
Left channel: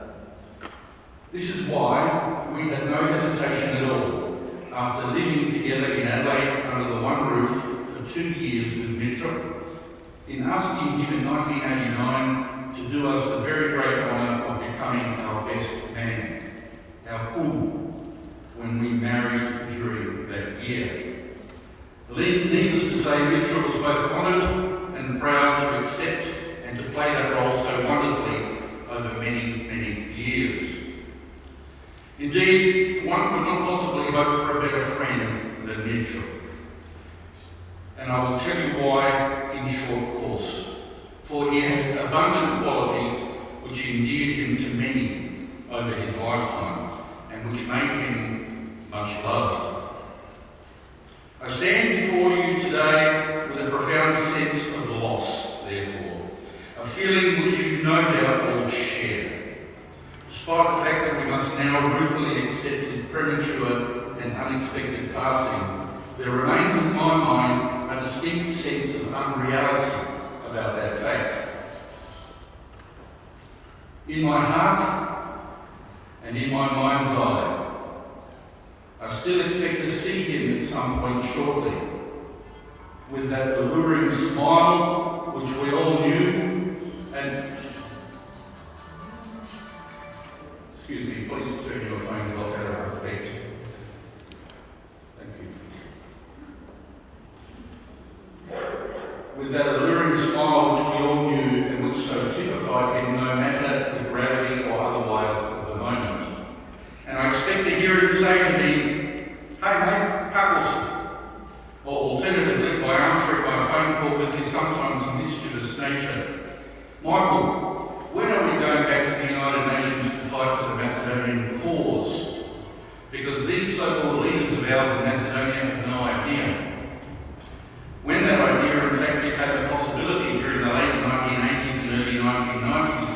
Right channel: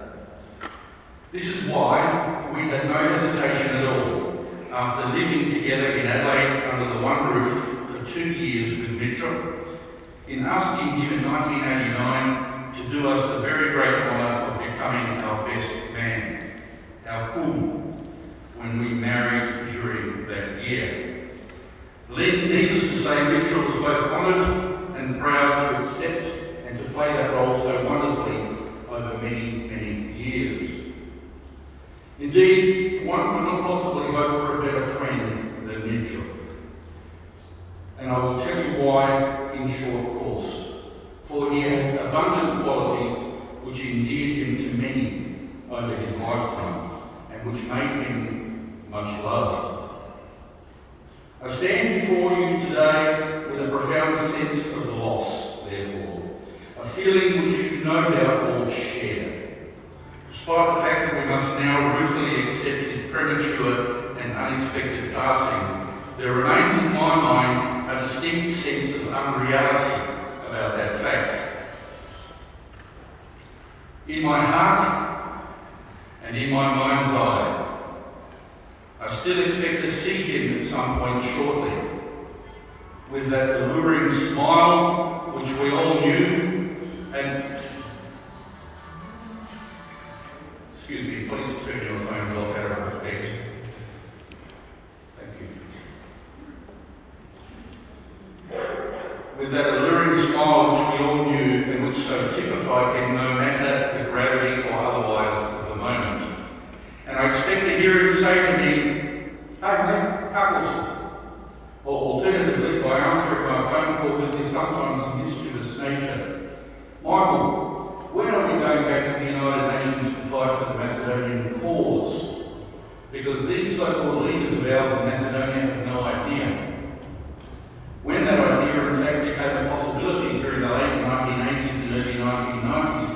This is why we had no hesitation at all, after living together in Adelaide under the one roof for 2 years with Mirco, in asking him in 1989 to do us the very great honour of becoming our best man, our cool, when we married during that year. Needless to say, Mirco was both honoured and proud to accept and to play that role so wonderfully over many, many years. Indeed, one could not possibly hope for a better friend than Mirco. And I will tell you why in short course. For he had abundant qualities which endeared him to many over his lifetime, and which made him much loved. I stand before you today with a profound sense of loss, therefore, a feeling which you no doubt all share. Despite the fact that we must now ruefully accept his premature and unexpected passing, there remains in my mind a distinct sense of unreality about that fact. In my heart and in my mind's eye, I still expect to see him at some point shortly, with that alluring smile which we all knew and... Excuse me, please turn your phones off out of respect. Thank you. With that alluring smile which we all knew and which so typified him no matter the gravity or otherwise of the moment. And I expect to hear him say to me, "Hey mate, cuckles," or alternatively by answering my phone call with his sometimes mischievous nature, "Michael, when are we going back to the United Nations to fight for the Macedonian cause?" Because these so-called leaders of ours in Macedonia have no idea. When that idea in fact became a possibility during the late 1980s and early 1990s,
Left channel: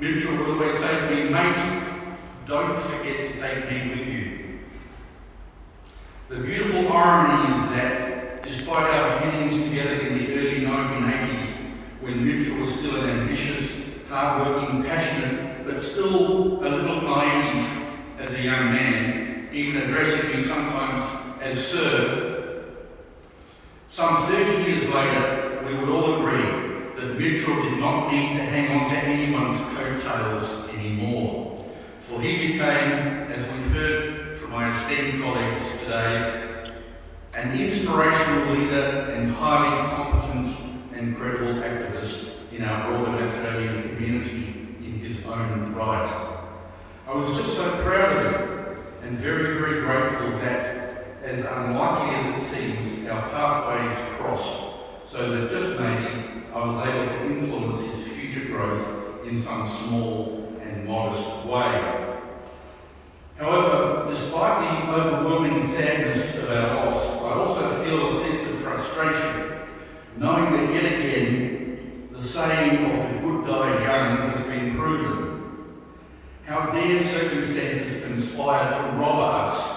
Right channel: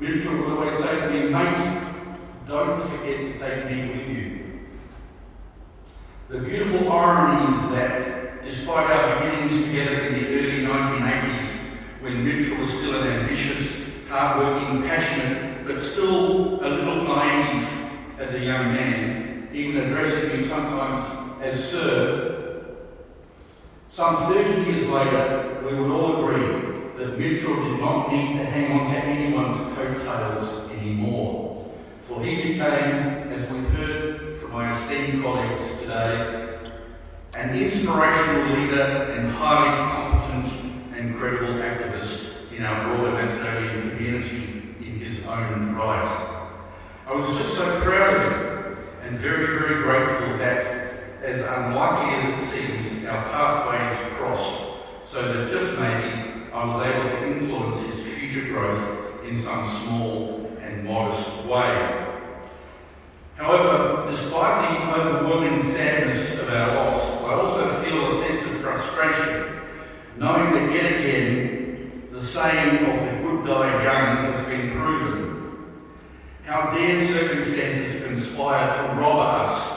Mirco would always say to me, "Mate, don't forget to take me with you." The beautiful irony is that, despite our beginnings together in the early 1980s, when Mirco was still an ambitious, hard-working, passionate, but still a little naive as a young man, even addressing me sometimes as Sir, some 30 years later, we would all agree that Mirco did not need to hang on to anyone's coattails anymore, for he became, as we've heard from my esteemed colleagues today, an inspirational leader and highly competent and credible activist in our broader Macedonian community in his own right. I was just so proud of him and very, very grateful that, as unlikely as it seems, our pathways crossed, so that just maybe I was able to influence his future growth in some small and modest way. However, despite the overwhelming sadness of our loss, I also feel a sense of frustration, knowing that yet again the saying of the good die young has been proven. How dare circumstances conspire to rob us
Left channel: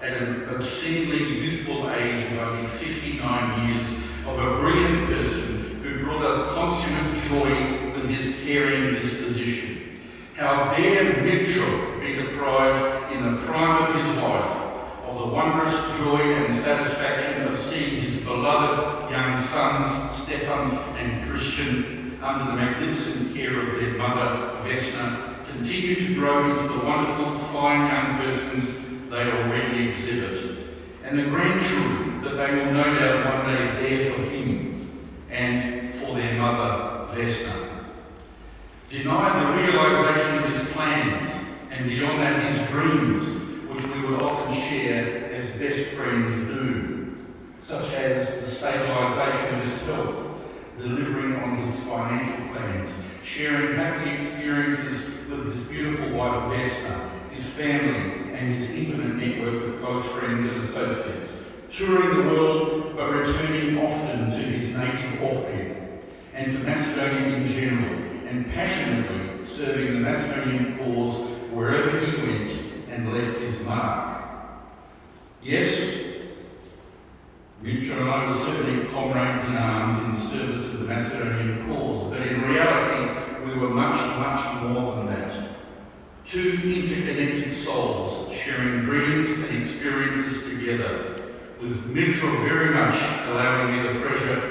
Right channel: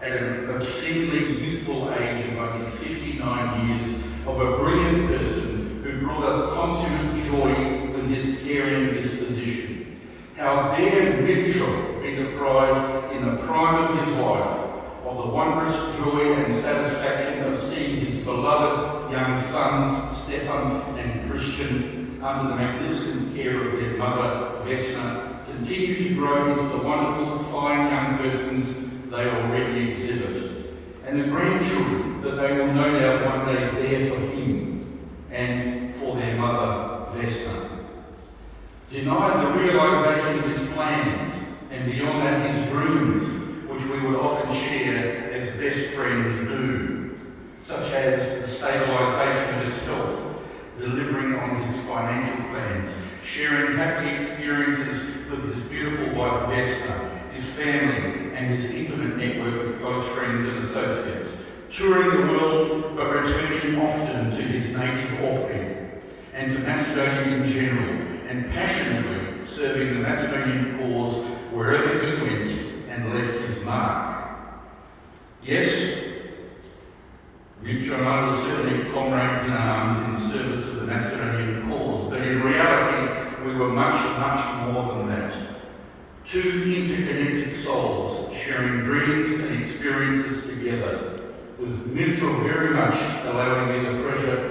at an obscenely youthful age of only 59 years of a brilliant person who brought us consummate joy with his caring disposition. How dare Mirco be deprived in the prime of his life of the wondrous joy and satisfaction of seeing his beloved young sons, Stefan and Christian, under the magnificent care of their mother, Vesna, continue to grow into the wonderful, fine young persons they already exhibit, and the grandchildren that they will no doubt one day bear for him and for their mother, Vesna. denied the realisation of his plans, and beyond that his dreams, which we would often share as best friends do, such as the stabilisation of his health, delivering on his financial plans, sharing happy experiences with his beautiful wife Vesna, his family, and his intimate network of close friends and associates, touring the world but returning often to his native Ohrid and to Macedonia in general, and passionately serving the Macedonian cause wherever he went and left his mark. Yes, Mirco and I were certainly comrades in arms in service of the Macedonian cause, but in reality we were much, much more than that. Two interconnected souls sharing dreams and experiences together, with Mirco very much allowing me the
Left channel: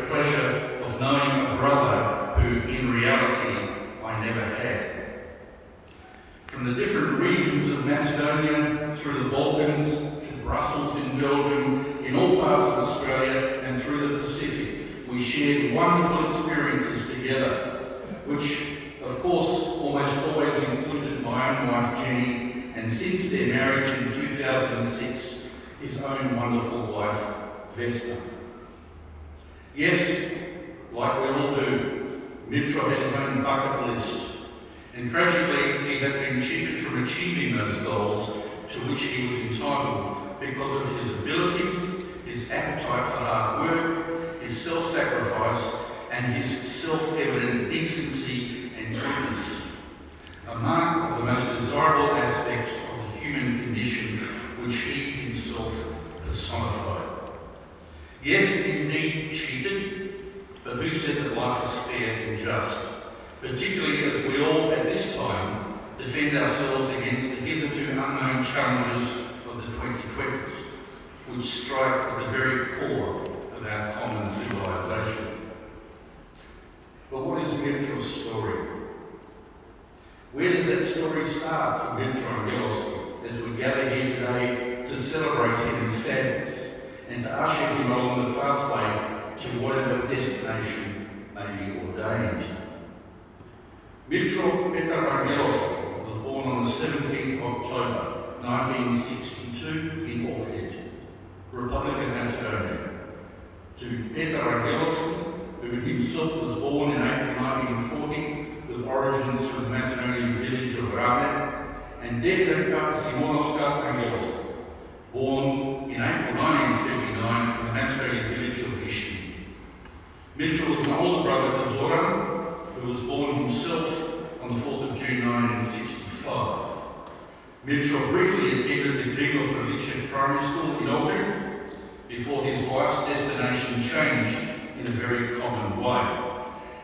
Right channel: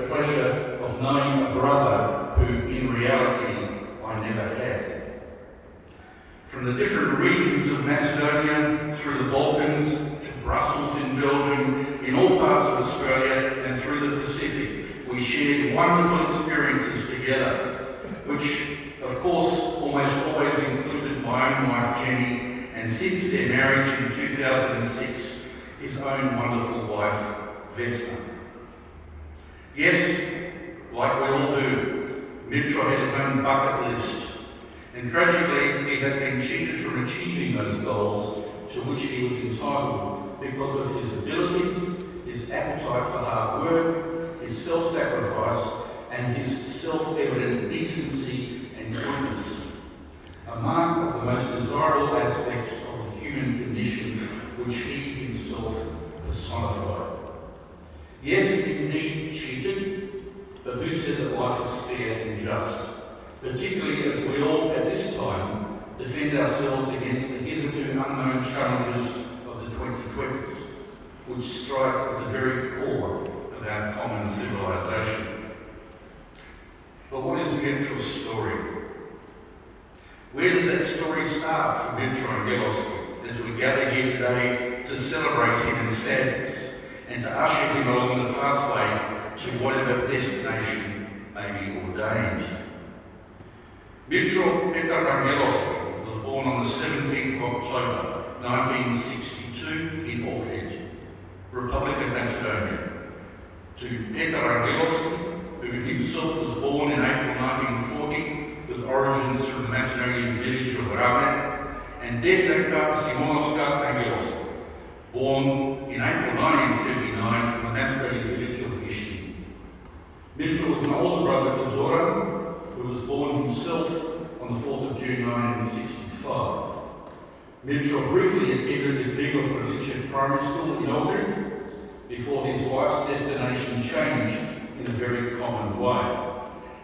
pleasure of knowing a brother who in reality I never had. From the different regions of Macedonia, through the Balkans, to Brussels in Belgium, in all parts of Australia and through the Pacific, we shared wonderful experiences together, which of course almost always included my own wife Jenny, and since their marriage in 2006, his own wonderful wife Vesna. Yes, like we all do, Mirco had his own bucket list, and tragically he has been cheated from achieving those goals to which he was entitled because of his abilities, his appetite for hard work, his self-sacrifice, and his self-evident decency and goodness, a mark of the most desirable aspects of the human condition which he himself personified. Yes, indeed cheated, but who said that life is fair and just? Particularly as we all at this time defend ourselves against the hitherto unknown challenges of the 2020s, which strike at the very core of our common civilization. But what is Mirco's story? Where does that story start for Mirco Angelovski as we gather here today to celebrate him in sadness and to usher him along the pathway to whatever destination may be ordained? Mirco Petar Angelovski was born on the 17th of October 1962 in Ohrid, Republic of Macedonia, to Petar Angelovski, who himself was born in April 1940 with origins from the Macedonian village of Rame, and Desanka Simonovska Angelovska, born in April 1979 from the Macedonian village of Vishny. Mirco was an older brother to Zoran, who was born himself on the 4th of June 1965. Mirco briefly attended the Grigor Prilichev Primary School in Ohrid before his life's destination changed in a very common way.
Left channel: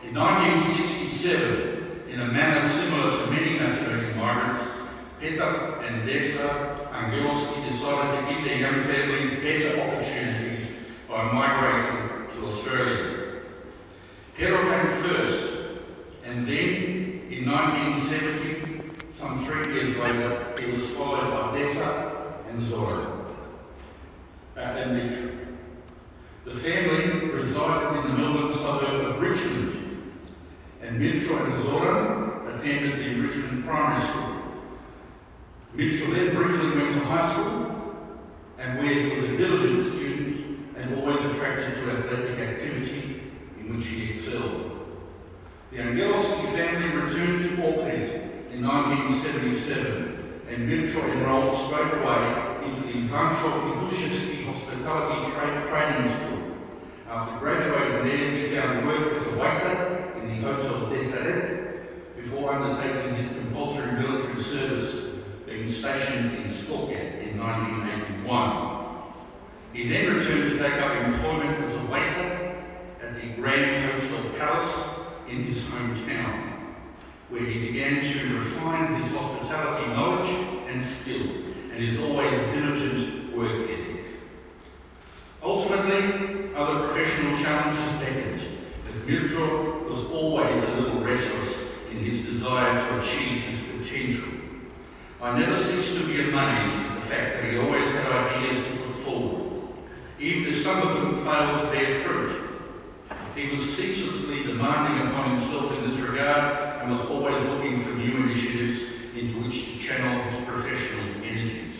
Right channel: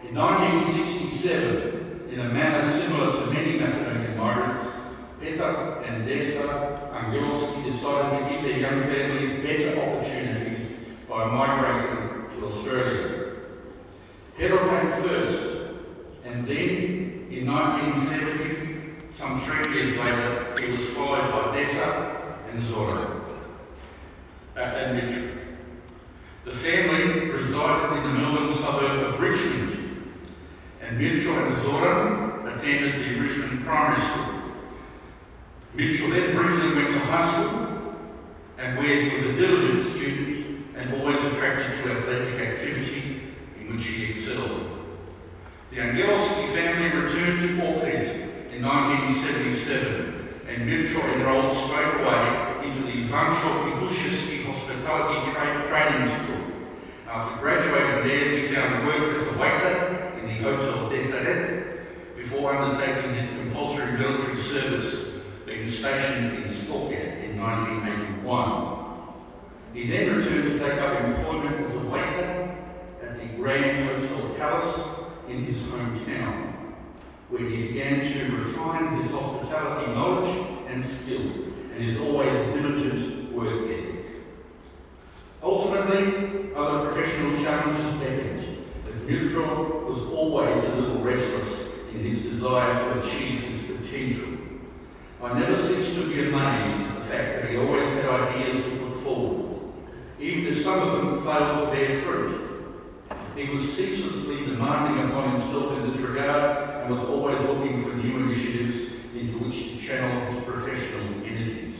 In 1967, in a manner similar to many Macedonian migrants, Petar and Desa Angelovski decided to give their young family better opportunities by migrating to Australia. Pero came first, and then in 1970, some 3 years later, he was followed by Desa and Zoran and Mirco. The family resided in the Melbourne suburb of Richmond, and Mirco and Zoran attended the Richmond Primary School. Mirco then briefly went to high school, and where he was a diligent student and always attracted to athletic activity in which he excelled. The Angelovski family returned to Ohrid in 1977, and Mirco enrolled straight away into the Ivancho Pidushevsky Hospitality Training School. After graduating there, he found work as a waiter in the Hotel Desaret before undertaking his compulsory military service, being stationed in Skopje in 1981. He then returned to take up employment as a waiter at the Grand Hotel Palace in his hometown, where he began to refine his hospitality knowledge and skill and his always diligent work ethic. Ultimately, other professional challenges beckoned, as Mirco was always a little restless in his desire to achieve his potential. I never ceased to be amazed at the fact that he always had ideas to put forward, even if some of them failed to bear fruit. He was ceaselessly demanding upon himself in this regard, and and was always looking for new initiatives into which to channel his professional energies.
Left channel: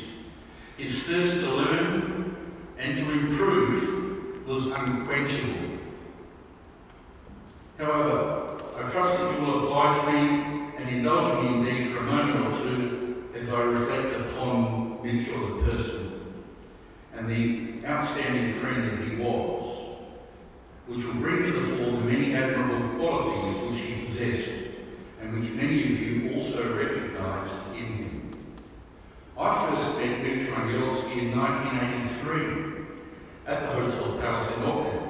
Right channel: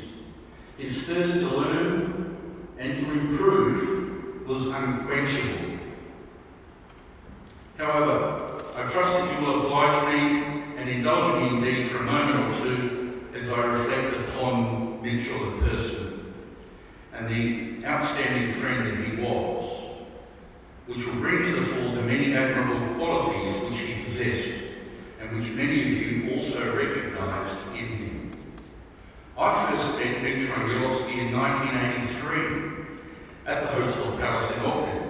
His thirst to learn and to improve was unquenchable. However, I trust that you will oblige me and indulge me indeed for a moment or two as I reflect upon Mitchell the person and the outstanding friend that he was, which will bring to the fore the many admirable qualities which he possessed and which many of you also recognised in him. I first met Mirco Angelovski in 1983 at the Hotel Palace in Epping,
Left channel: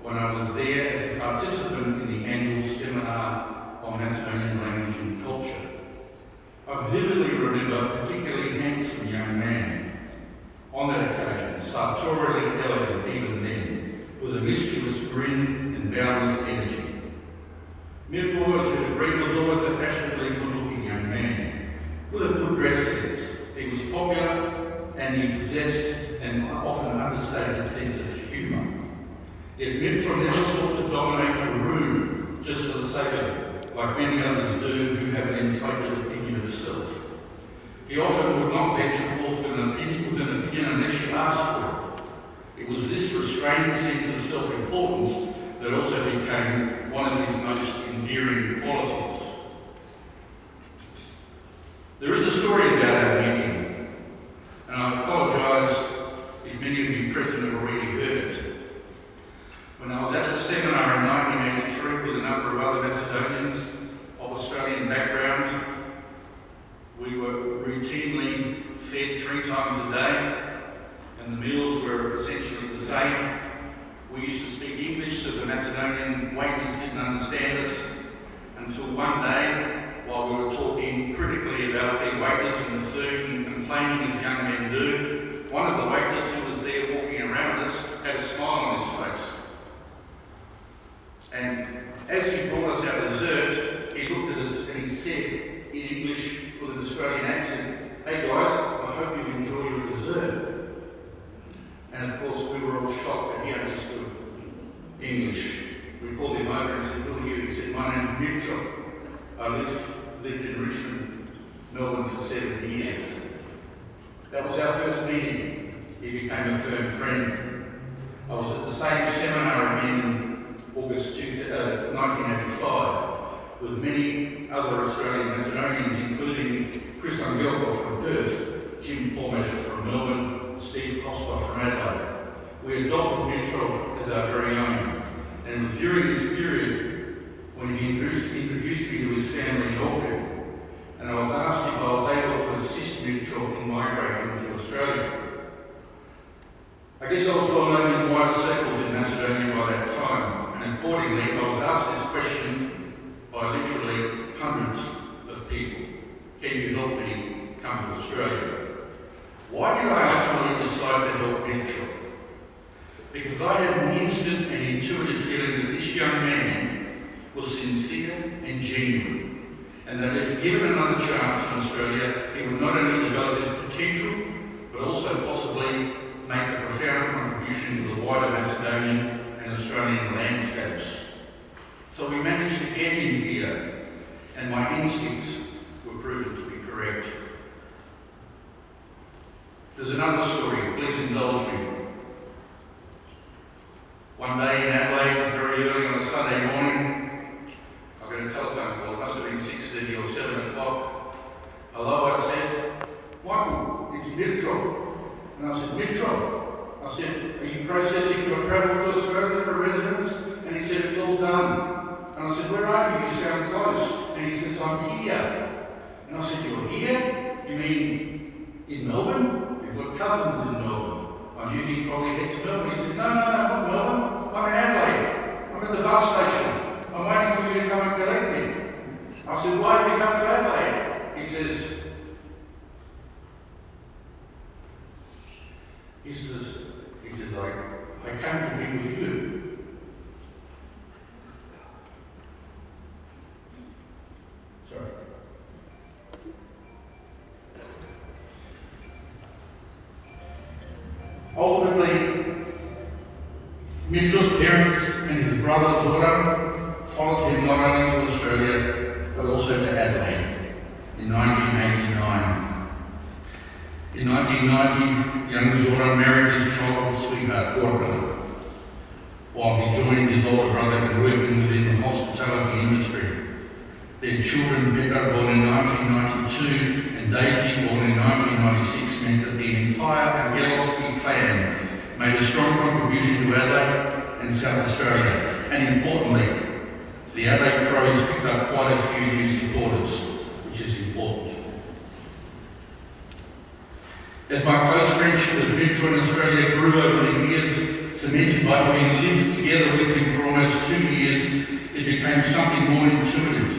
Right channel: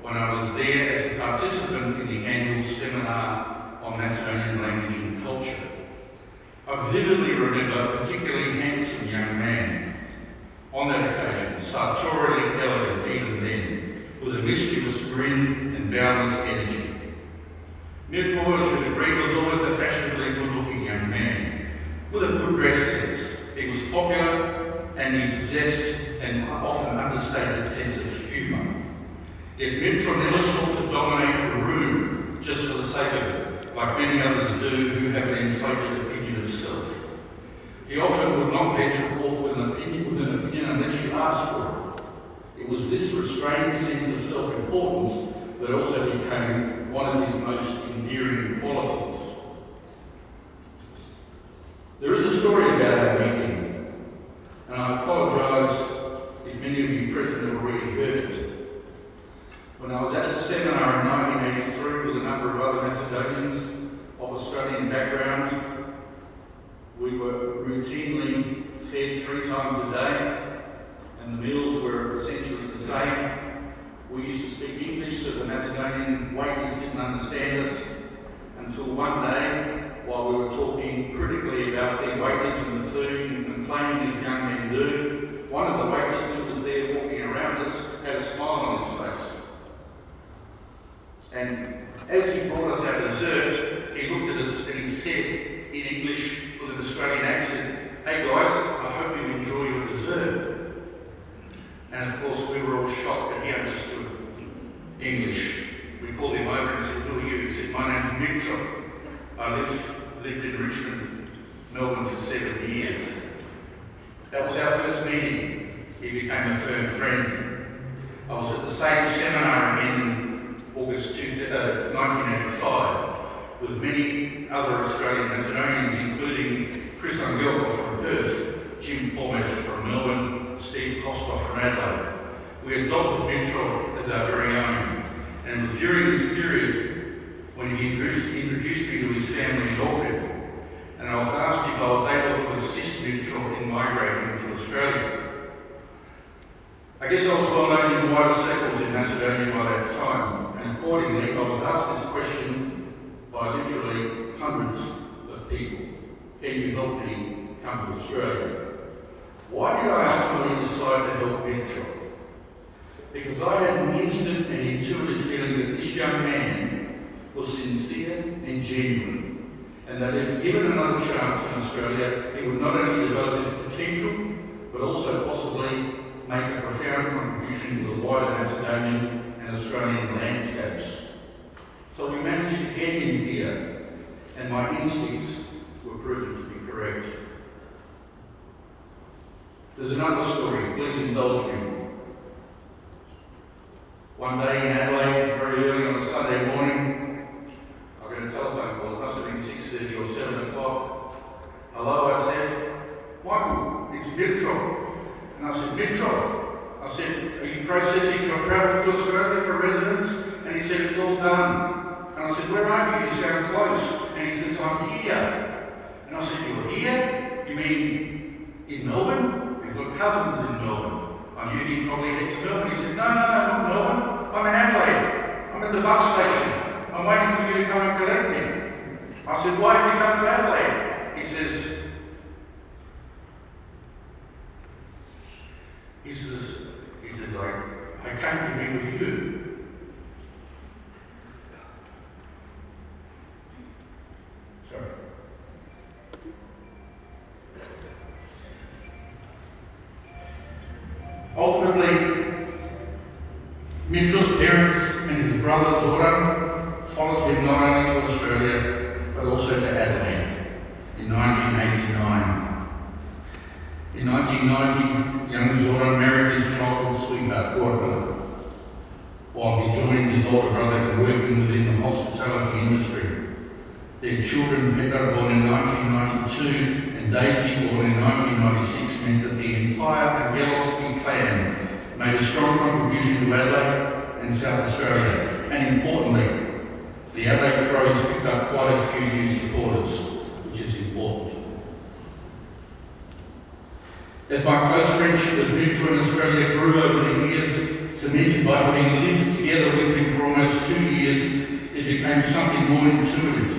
when I was there as a participant in the annual seminar on Macedonian language and culture. I vividly remember a particularly handsome young man, on that occasion, sartorially elegant even then, with a mischievous grin and boundless energy. Mirco, I should agree, was always a fashionably good-looking young man, with a good dress sense. He was popular, and he possessed an often understated sense of humour. Yet Mirco never sought to dominate a room just for the sake of it, like many others do who have an inflated opinion of self. He often would not venture forth with an opinion unless you asked for it. It was this restrained sense of self-importance that also became one of his most endearing qualities. There is a story about our meeting, and I apologise if many of you present have already heard it. When I was at the seminar in 1983 with a number of other Macedonians of Australian background, we were routinely fed 3 times a day, and the meals were essentially the same. We used to speak English, so the Macedonian waiters didn't understand us, until one day, while we were talking critically about their waiters and the food and complaining as young men do, one of the waiters who was there walking around us had a smile on his face. And as he brought us our dessert, he looked at us and he said in English with an Australian accent, "Hey guys, I hope you enjoy your dessert." And of course we were all shocked that he understood English. We called him over and said, "Who are you?" He said, "My name's Mirco. I lived in Richmond, Melbourne for 7 years." That was our first meeting. He became a firm friend. I was at the same seminar in August 1985 with many other Australian Macedonians, including Chris Angelovski from Perth, Jim Pomeff from Melbourne, Steve Kostov from Adelaide. We adopted Mirco as our very own, and it was during this period when he introduced me to his family in Epping, and I was asked if I was able to assist Mirco in migrating to Australia. I guess I was well known in wider circles in Macedonia by that time, and accordingly I was asked this question by literally hundreds of people. Can you help me come to Australia? Why did I ultimately decide to help Mirco? Because I had an instant and intuitive feeling that this young man was sincere and genuine, and that if given another chance in Australia, he would not only develop his potential, but also possibly make a profound contribution to the wider Macedonian and Australian landscapes. So we managed to get him here, and my instincts were proven to be correct. There's another story, please indulge me. One day in Adelaide, very early on a Sunday morning, I got a telephone call, it must have been 6:30 or 7 o'clock. "Hello," I said. "Michael, it's Mirco." And I said, "Mirco," I said, "are you processing your travel to Australia for residence?" And he said, "It's all done." And I said, "Where are you? You sound close." And he says, "I'm here." And I said, "You're here? You mean in Melbourne? We've got cousins in Melbourne." I knew he'd probably head to Melbourne. He said, No, not Melbourne. I'm in Adelaide. I'm at the bus station. I'm waiting for you to come and collect me. I said, "Why have you come to Adelaide?" He says, I came to be with you. Sorry. Ultimately, Mirco's parents and his brother Zoran followed him not only to Australia, but also to Adelaide in 1989. In 1990, young Zora married his childhood sweetheart, Georgij, while he joined his older brother in working within the hospitality industry. Their children, Becca, born in 1992, and Daisy, born in 1996, meant that the entire Angelovski clan made a strong contribution to Adelaide and South Australia, and importantly, the Adelaide Crows picked up quite a few new supporters, which is important. As my close friendship with Mirco in Australia grew over the years, cemented by having lived together with him for almost 2 years, it became something more intuitive,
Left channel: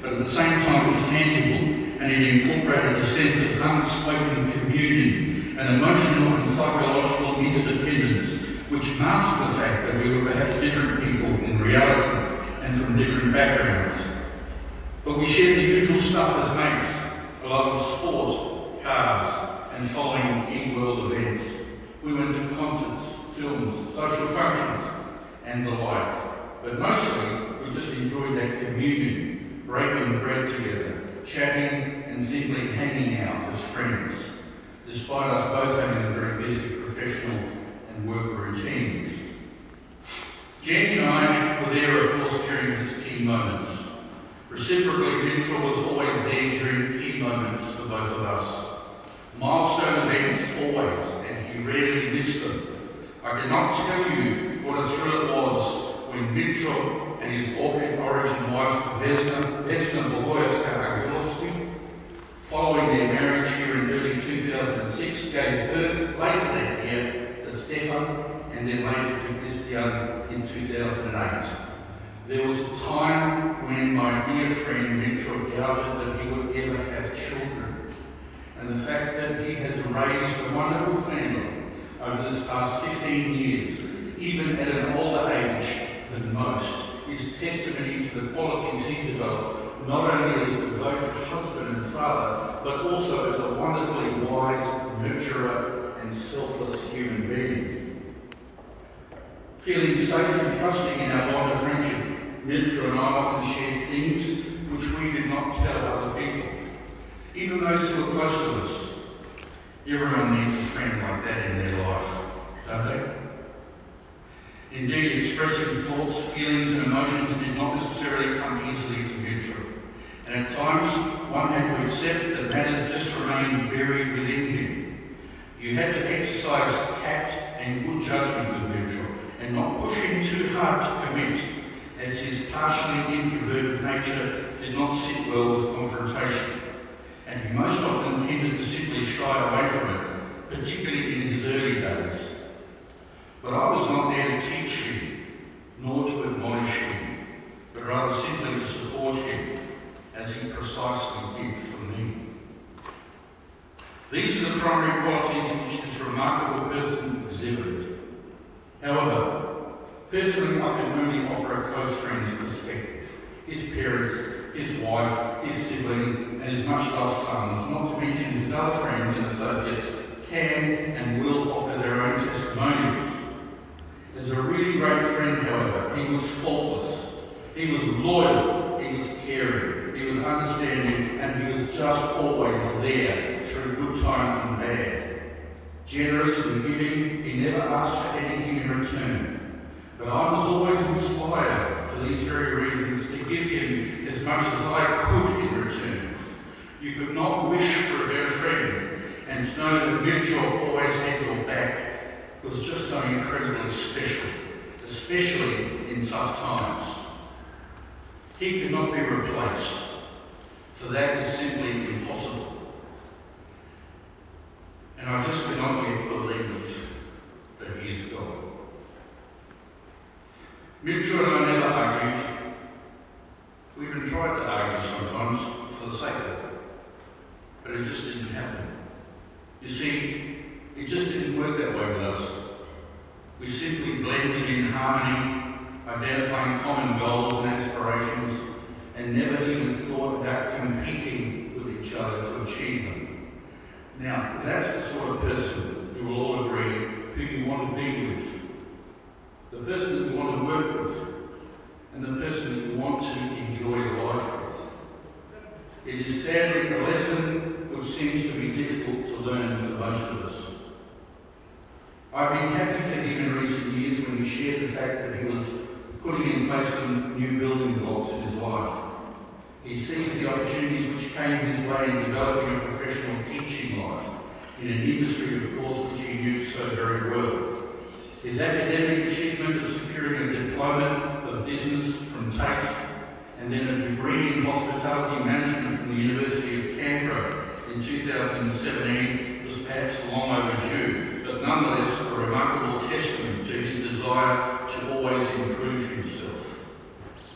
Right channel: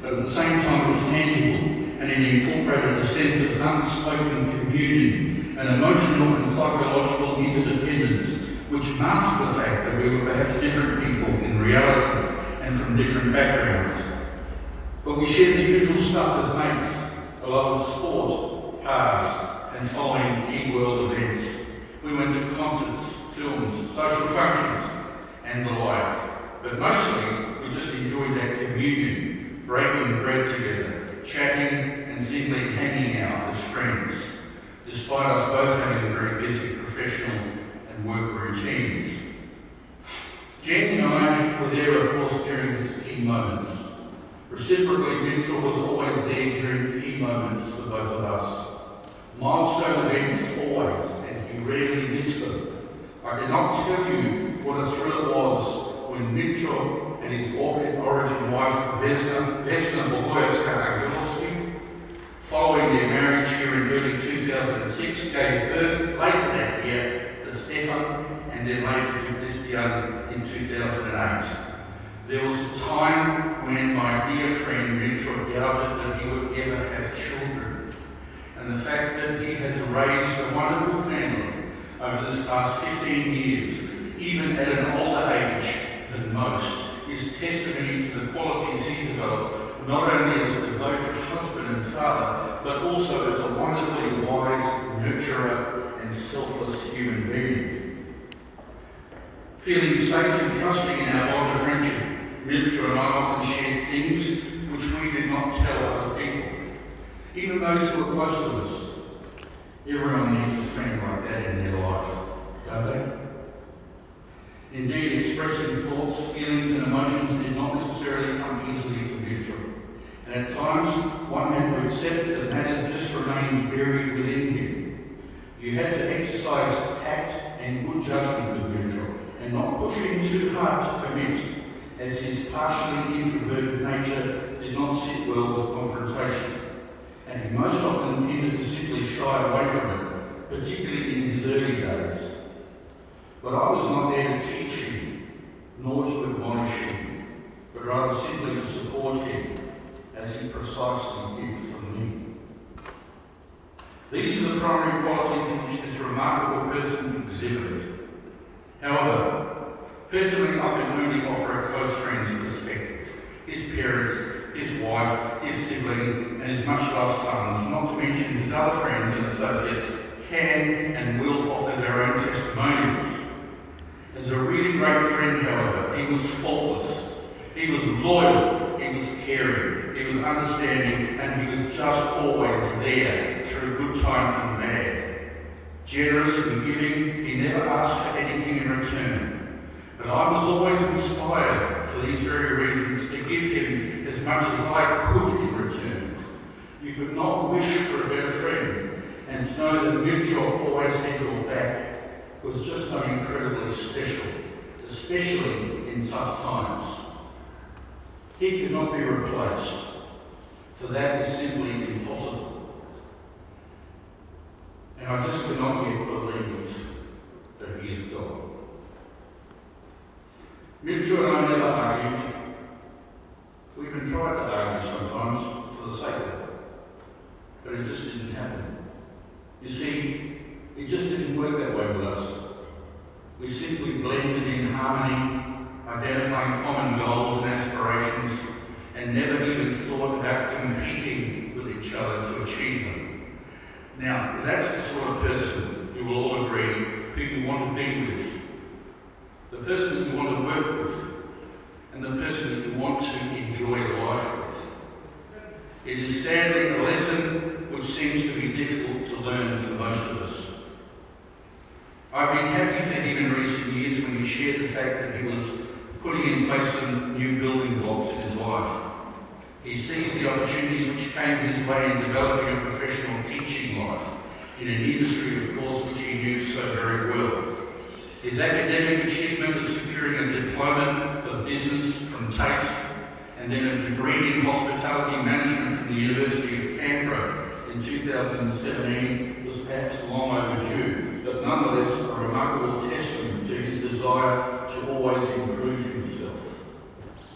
but at the same time it was tangible, and it incorporated a sense of unspoken communion, an emotional and psychological interdependence, which masked the fact that we were perhaps different people in reality and from different backgrounds. But we shared the usual stuff as mates, a love of sport, cars, and following key world events. We went to concerts, films, social functions, and the like. But mostly, we just enjoyed that communion, breaking bread together, chatting, and simply hanging out as friends, despite us both having very busy professional and work routines. Jenny and I were there, of course, during these key moments. Reciprocally, Mirco was always there during key moments for both of us. Milestone events always, and he rarely missed them. I cannot tell you what a thrill it was when Mirco and his origin wife, Vesna Angelovski, following their marriage here in early 2006, gave birth later that year to Stefan and then later to Christian in 2008. There was a time when my dear friend Mirco doubted that he would ever have children. And the fact that he has raised a wonderful family over this past 15 years, even at an older age than most, is testimony to the qualities he developed, not only as a devoted husband and father, but also as a wonderfully wise nurturer and selfless human being. Feeling safe and trusting in our bond of friendship, Mirco and I often shared things which we did not tell other people, even those who were close to us. Everyone needs a friend like that in their life, don't they? Indeed, expressing thoughts, feelings and emotions did not necessarily come easily to Mirco. And at times, one had to accept that matters just remained buried within him. You had to exercise tact and good judgment with Mirco, and not push him too hard to commit, as his partially introverted nature did not sit well with confrontation. And he most often tended to simply shy away from it, particularly in his early days. But I was not there to teach him, nor to admonish him, but rather simply to support him, as he precisely did for me. These are the primary qualities which this remarkable person exhibited. However, personally I can only offer a close friend's perspective. His parents, his wife, his sibling, and his much-loved sons, not to mention his other friends and associates, can and will offer their own testimonials. As a really great friend, however, he was faultless. He was loyal, he was caring, he was understanding, and he was just always there through good times and bad. Generous and giving, he never asked for anything in return. But I was always inspired, for these very reasons, to give him as much as I could in return. You could not wish for a better friend, and to know that Mirco always had your back was just so incredibly special, especially in tough times. He could not be replaced, for that is simply impossible. And I just cannot yet believe that he is gone. Mirco and I never argued. We even tried to argue sometimes for the sake of it, but it just didn't happen. You see, it just didn't work that way with us. We simply blended in harmony, identifying common goals and aspirations, and never even thought about competing with each other to achieve them. Now, that's the sort of person you will all agree who you want to be with. The person that you want to work with, and the person that you want to enjoy your life with. It is sadly a lesson which seems to be difficult to learn for most of us. I've been happy for him in recent years when he shared the fact that he was putting in place some new building blocks in his life. He sees the opportunities which came his way in developing a professional teaching life, in an industry, of course, which he knew so very well. His academic achievement of securing a diploma of business from TAFE and then a degree in hospitality management from the University of Canberra in 2017 was perhaps long overdue, but nonetheless a remarkable testament to his desire to always improve himself.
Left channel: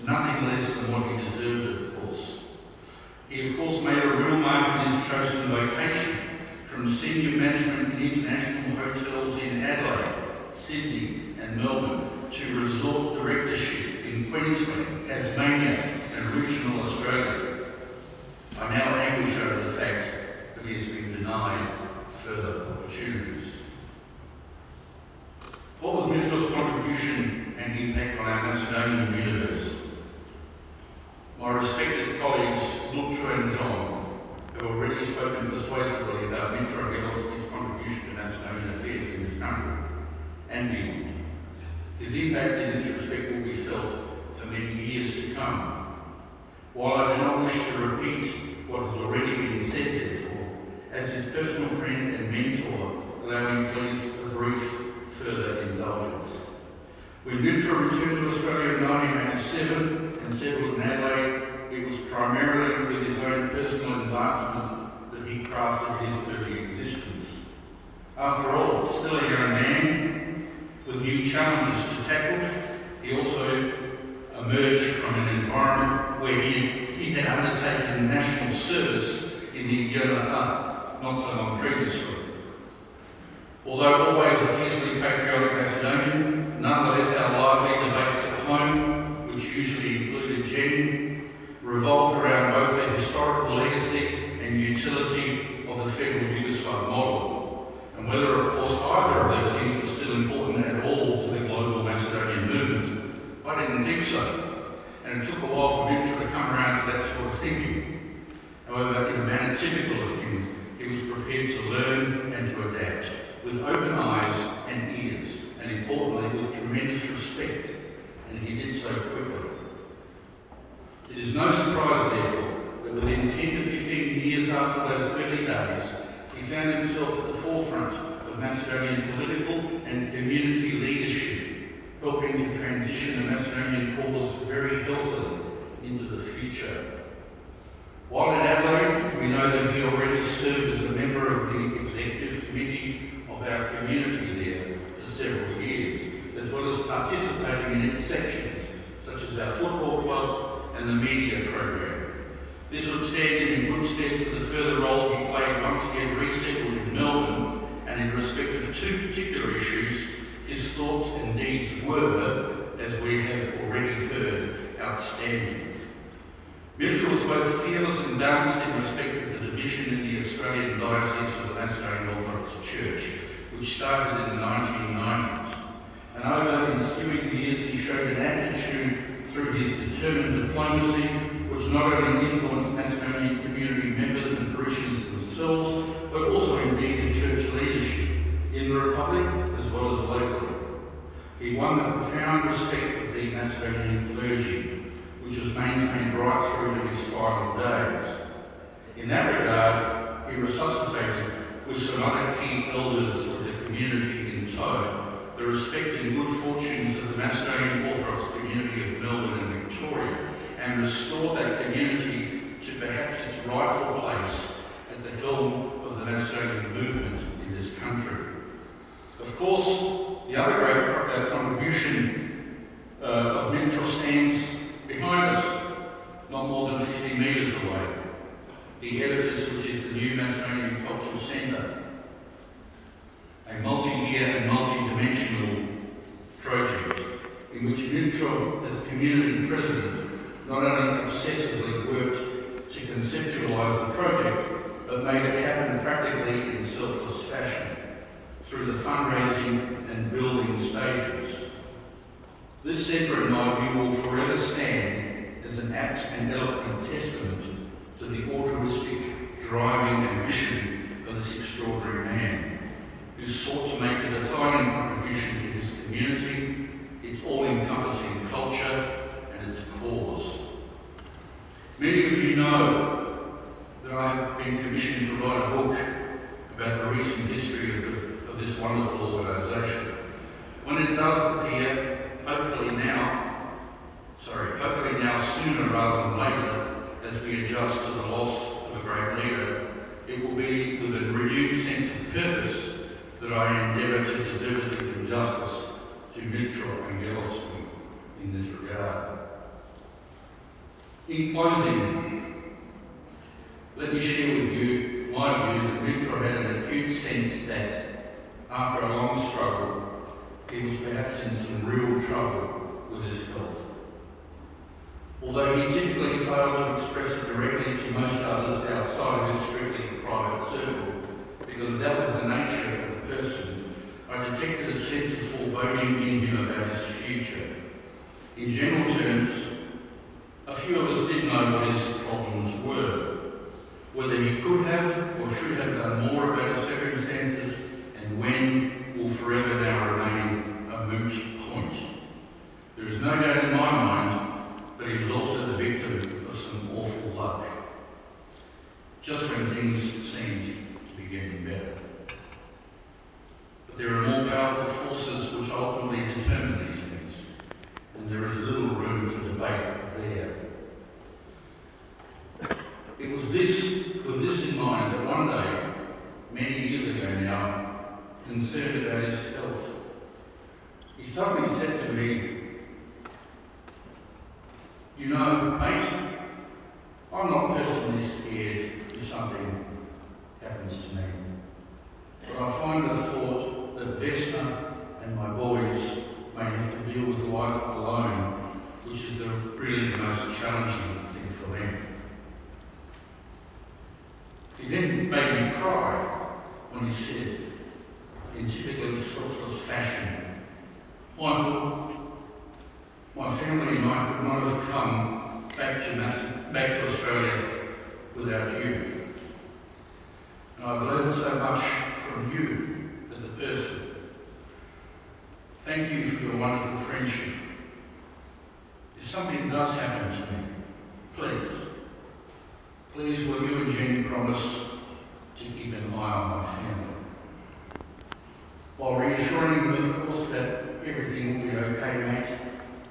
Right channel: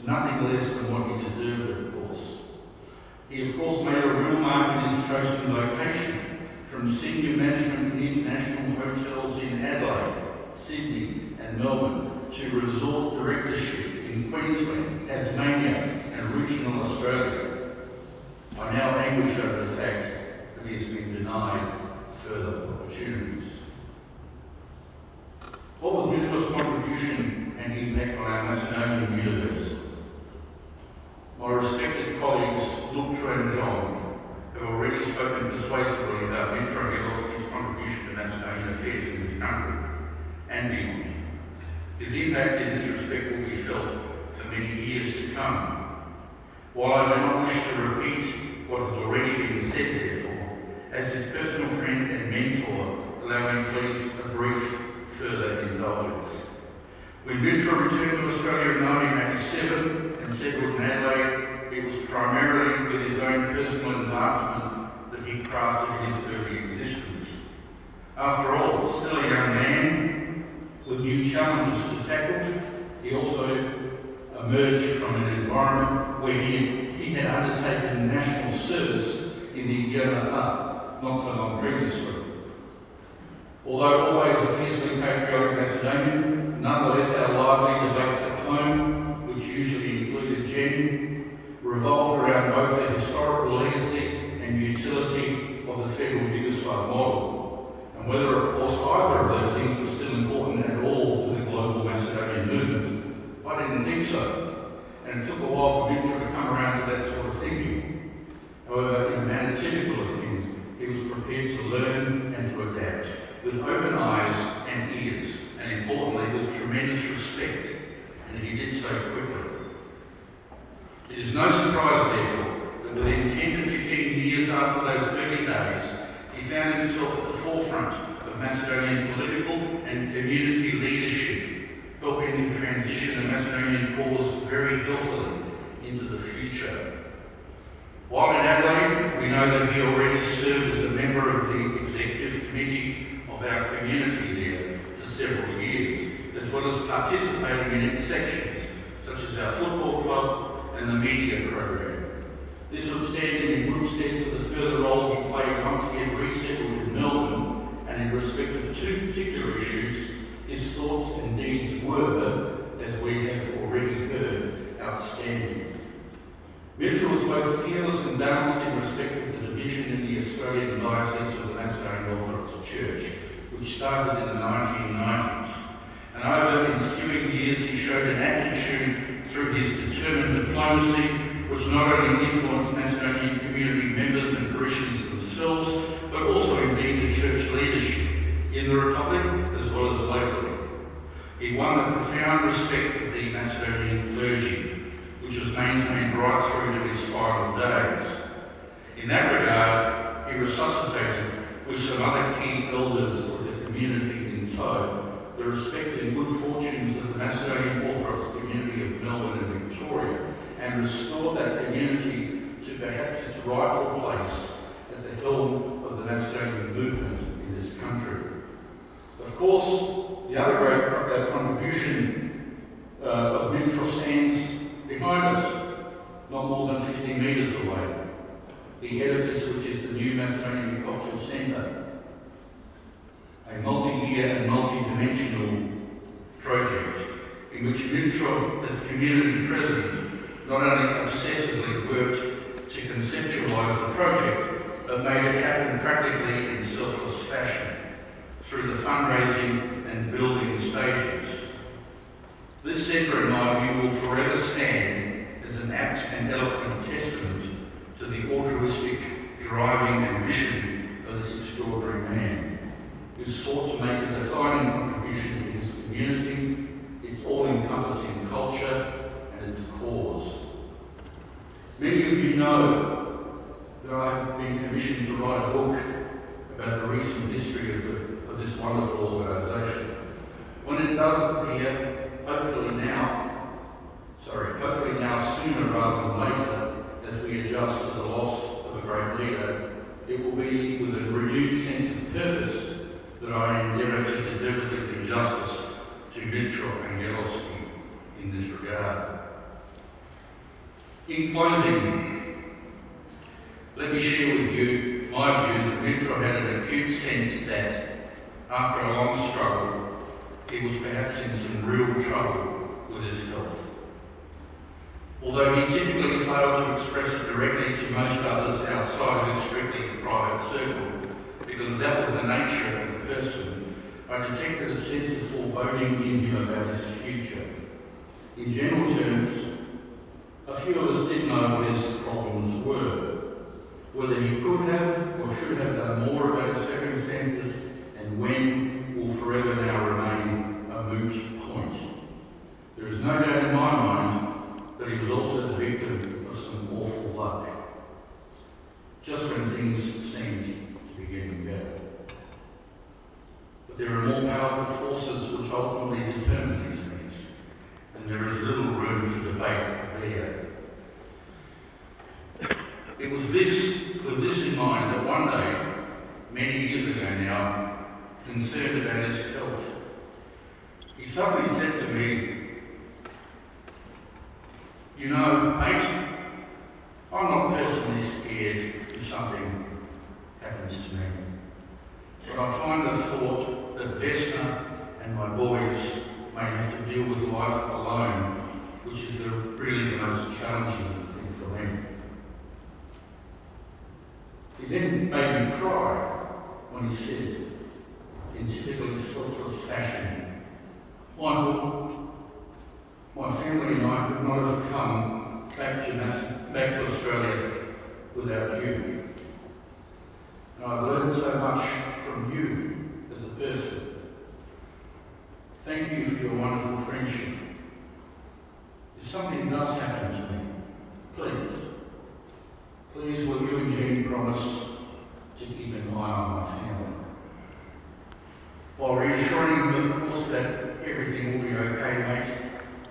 Nothing less than what he deserved, of course. He, of course, made a real mark in his chosen vocation, from senior management in international hotels in Adelaide, Sydney and Melbourne, to resort directorship in Queensland, Tasmania and regional Australia. I now anguish over the fact that he has been denied further opportunities. What was Mirco's contribution and impact on our Macedonian universe? My respected colleagues, Luke and John, have already spoken persuasively about Mirco Angelovski's contribution to Macedonian affairs in this country and beyond. His impact in this respect will be felt for many years to come. While I do not wish to repeat what has already been said, therefore, as his personal friend and mentor, allow me please a brief further indulgence. When Mirco returned to Australia in 1987 and settled in Adelaide, it was primarily with his own personal advancement that he crafted his early existence. After all, still a young man with new challenges to tackle, he also emerged from an environment where he had undertaken national service in the UNRWA not so long previously. Although always a fiercely patriotic Macedonian, nonetheless our lively debates at home, which usually included Jenny, revolved around both the historical legacy and utility of the federal Yugoslav model, and whether, of course, either of those things was still important at all to the global Macedonian movement. I didn't think so, and it took a while for Mirco to come around to that sort of thinking. However, in a manner typical of him, he was prepared to learn and to adapt, with open eyes and ears, and importantly, with tremendous respect, and he did so quickly. It is no surprise, therefore, that within 10 to 15 years after those early days, he found himself at the forefront of Macedonian political and community leadership, helping to transition a Macedonian cause very healthily into the future. While in Adelaide, we know that he already served as a member of the executive committee of our community there for several years, as well as participating in its sections, such as our football club and the media program. This would stand him in good stead for the further role he played once he had resettled in Melbourne, and in respect of two particular issues, his thoughts and deeds were, as we have already heard, outstanding. Mirco was both fearless and balanced in respect of the division in the Australian Diocese of the Macedonian Orthodox Church, which started in the 1990s. And over ensuing years he showed an aptitude through his determined diplomacy, which not only influenced Macedonian community members and parishioners themselves, but also indeed the church leadership in the Republic as well as locally. He won the profound respect of the Macedonian clergy, which was maintained right through to his final days. In that regard, he resuscitated, with some other key elders of the community in tow, the respect and good fortunes of the Macedonian Orthodox community of Melbourne and Victoria, and restored that community to perhaps its rightful place at the helm of the Macedonian movement in this country. Of course, the other great contribution of Mirco stands behind us, not more than 50 metres away, the edifice which is the new Macedonian Cultural Centre, a multi-year and multi-dimensional project in which Mirco, as community president, not only obsessively worked to conceptualise the project, but made it happen practically in selfless fashion through the fundraising and building stages. This centre, in my view, will forever stand as an apt and eloquent testament to the altruistic driving ambition of this extraordinary man, who sought to make a defining contribution to his community, its all-encompassing culture and its cause. Many of you know that I have been commissioned to write a book about the recent history of this wonderful organisation. When it does appear, hopefully now sooner rather than later, as we adjust to the loss of a great leader, it will be with a renewed sense of purpose that I endeavour to deservedly do justice to Mirco Angelovski in this regard. In closing, let me share with you my view that Mirco had an acute sense that, after a long struggle, he was perhaps in some real trouble with his health. Although he typically failed to express it directly to most others outside his strictly private circle, because that was the nature of the person, I detected a sense of foreboding in him about his future. In general terms, a few of us did know what his problems were, whether he could have or should have done more about his circumstances, and when will forever now remain a moot point. There is no doubt in my mind that he was also the victim of some awful luck, just when things seemed to be getting better. But there are more powerful forces which ultimately determine these things, and there is little room for debate there. It was with this in mind that one day, many years ago now, concerned about his health, he suddenly said to me, "You know, mate, I'm not personally scared if something happens to me, but I find the thought that Vesna and my boys may have to deal with life alone, which is really the most challenging thing for them." He then made me cry when he said, in typically selfless fashion, "Michael, my family and I could not have come back to Australia without you. And I've learned so much from you as a person. Thank you for your wonderful friendship. If something does happen to me, please will you and Jenny promise to keep an eye on my family?" While reassuring him, of course, that everything will be okay, mate,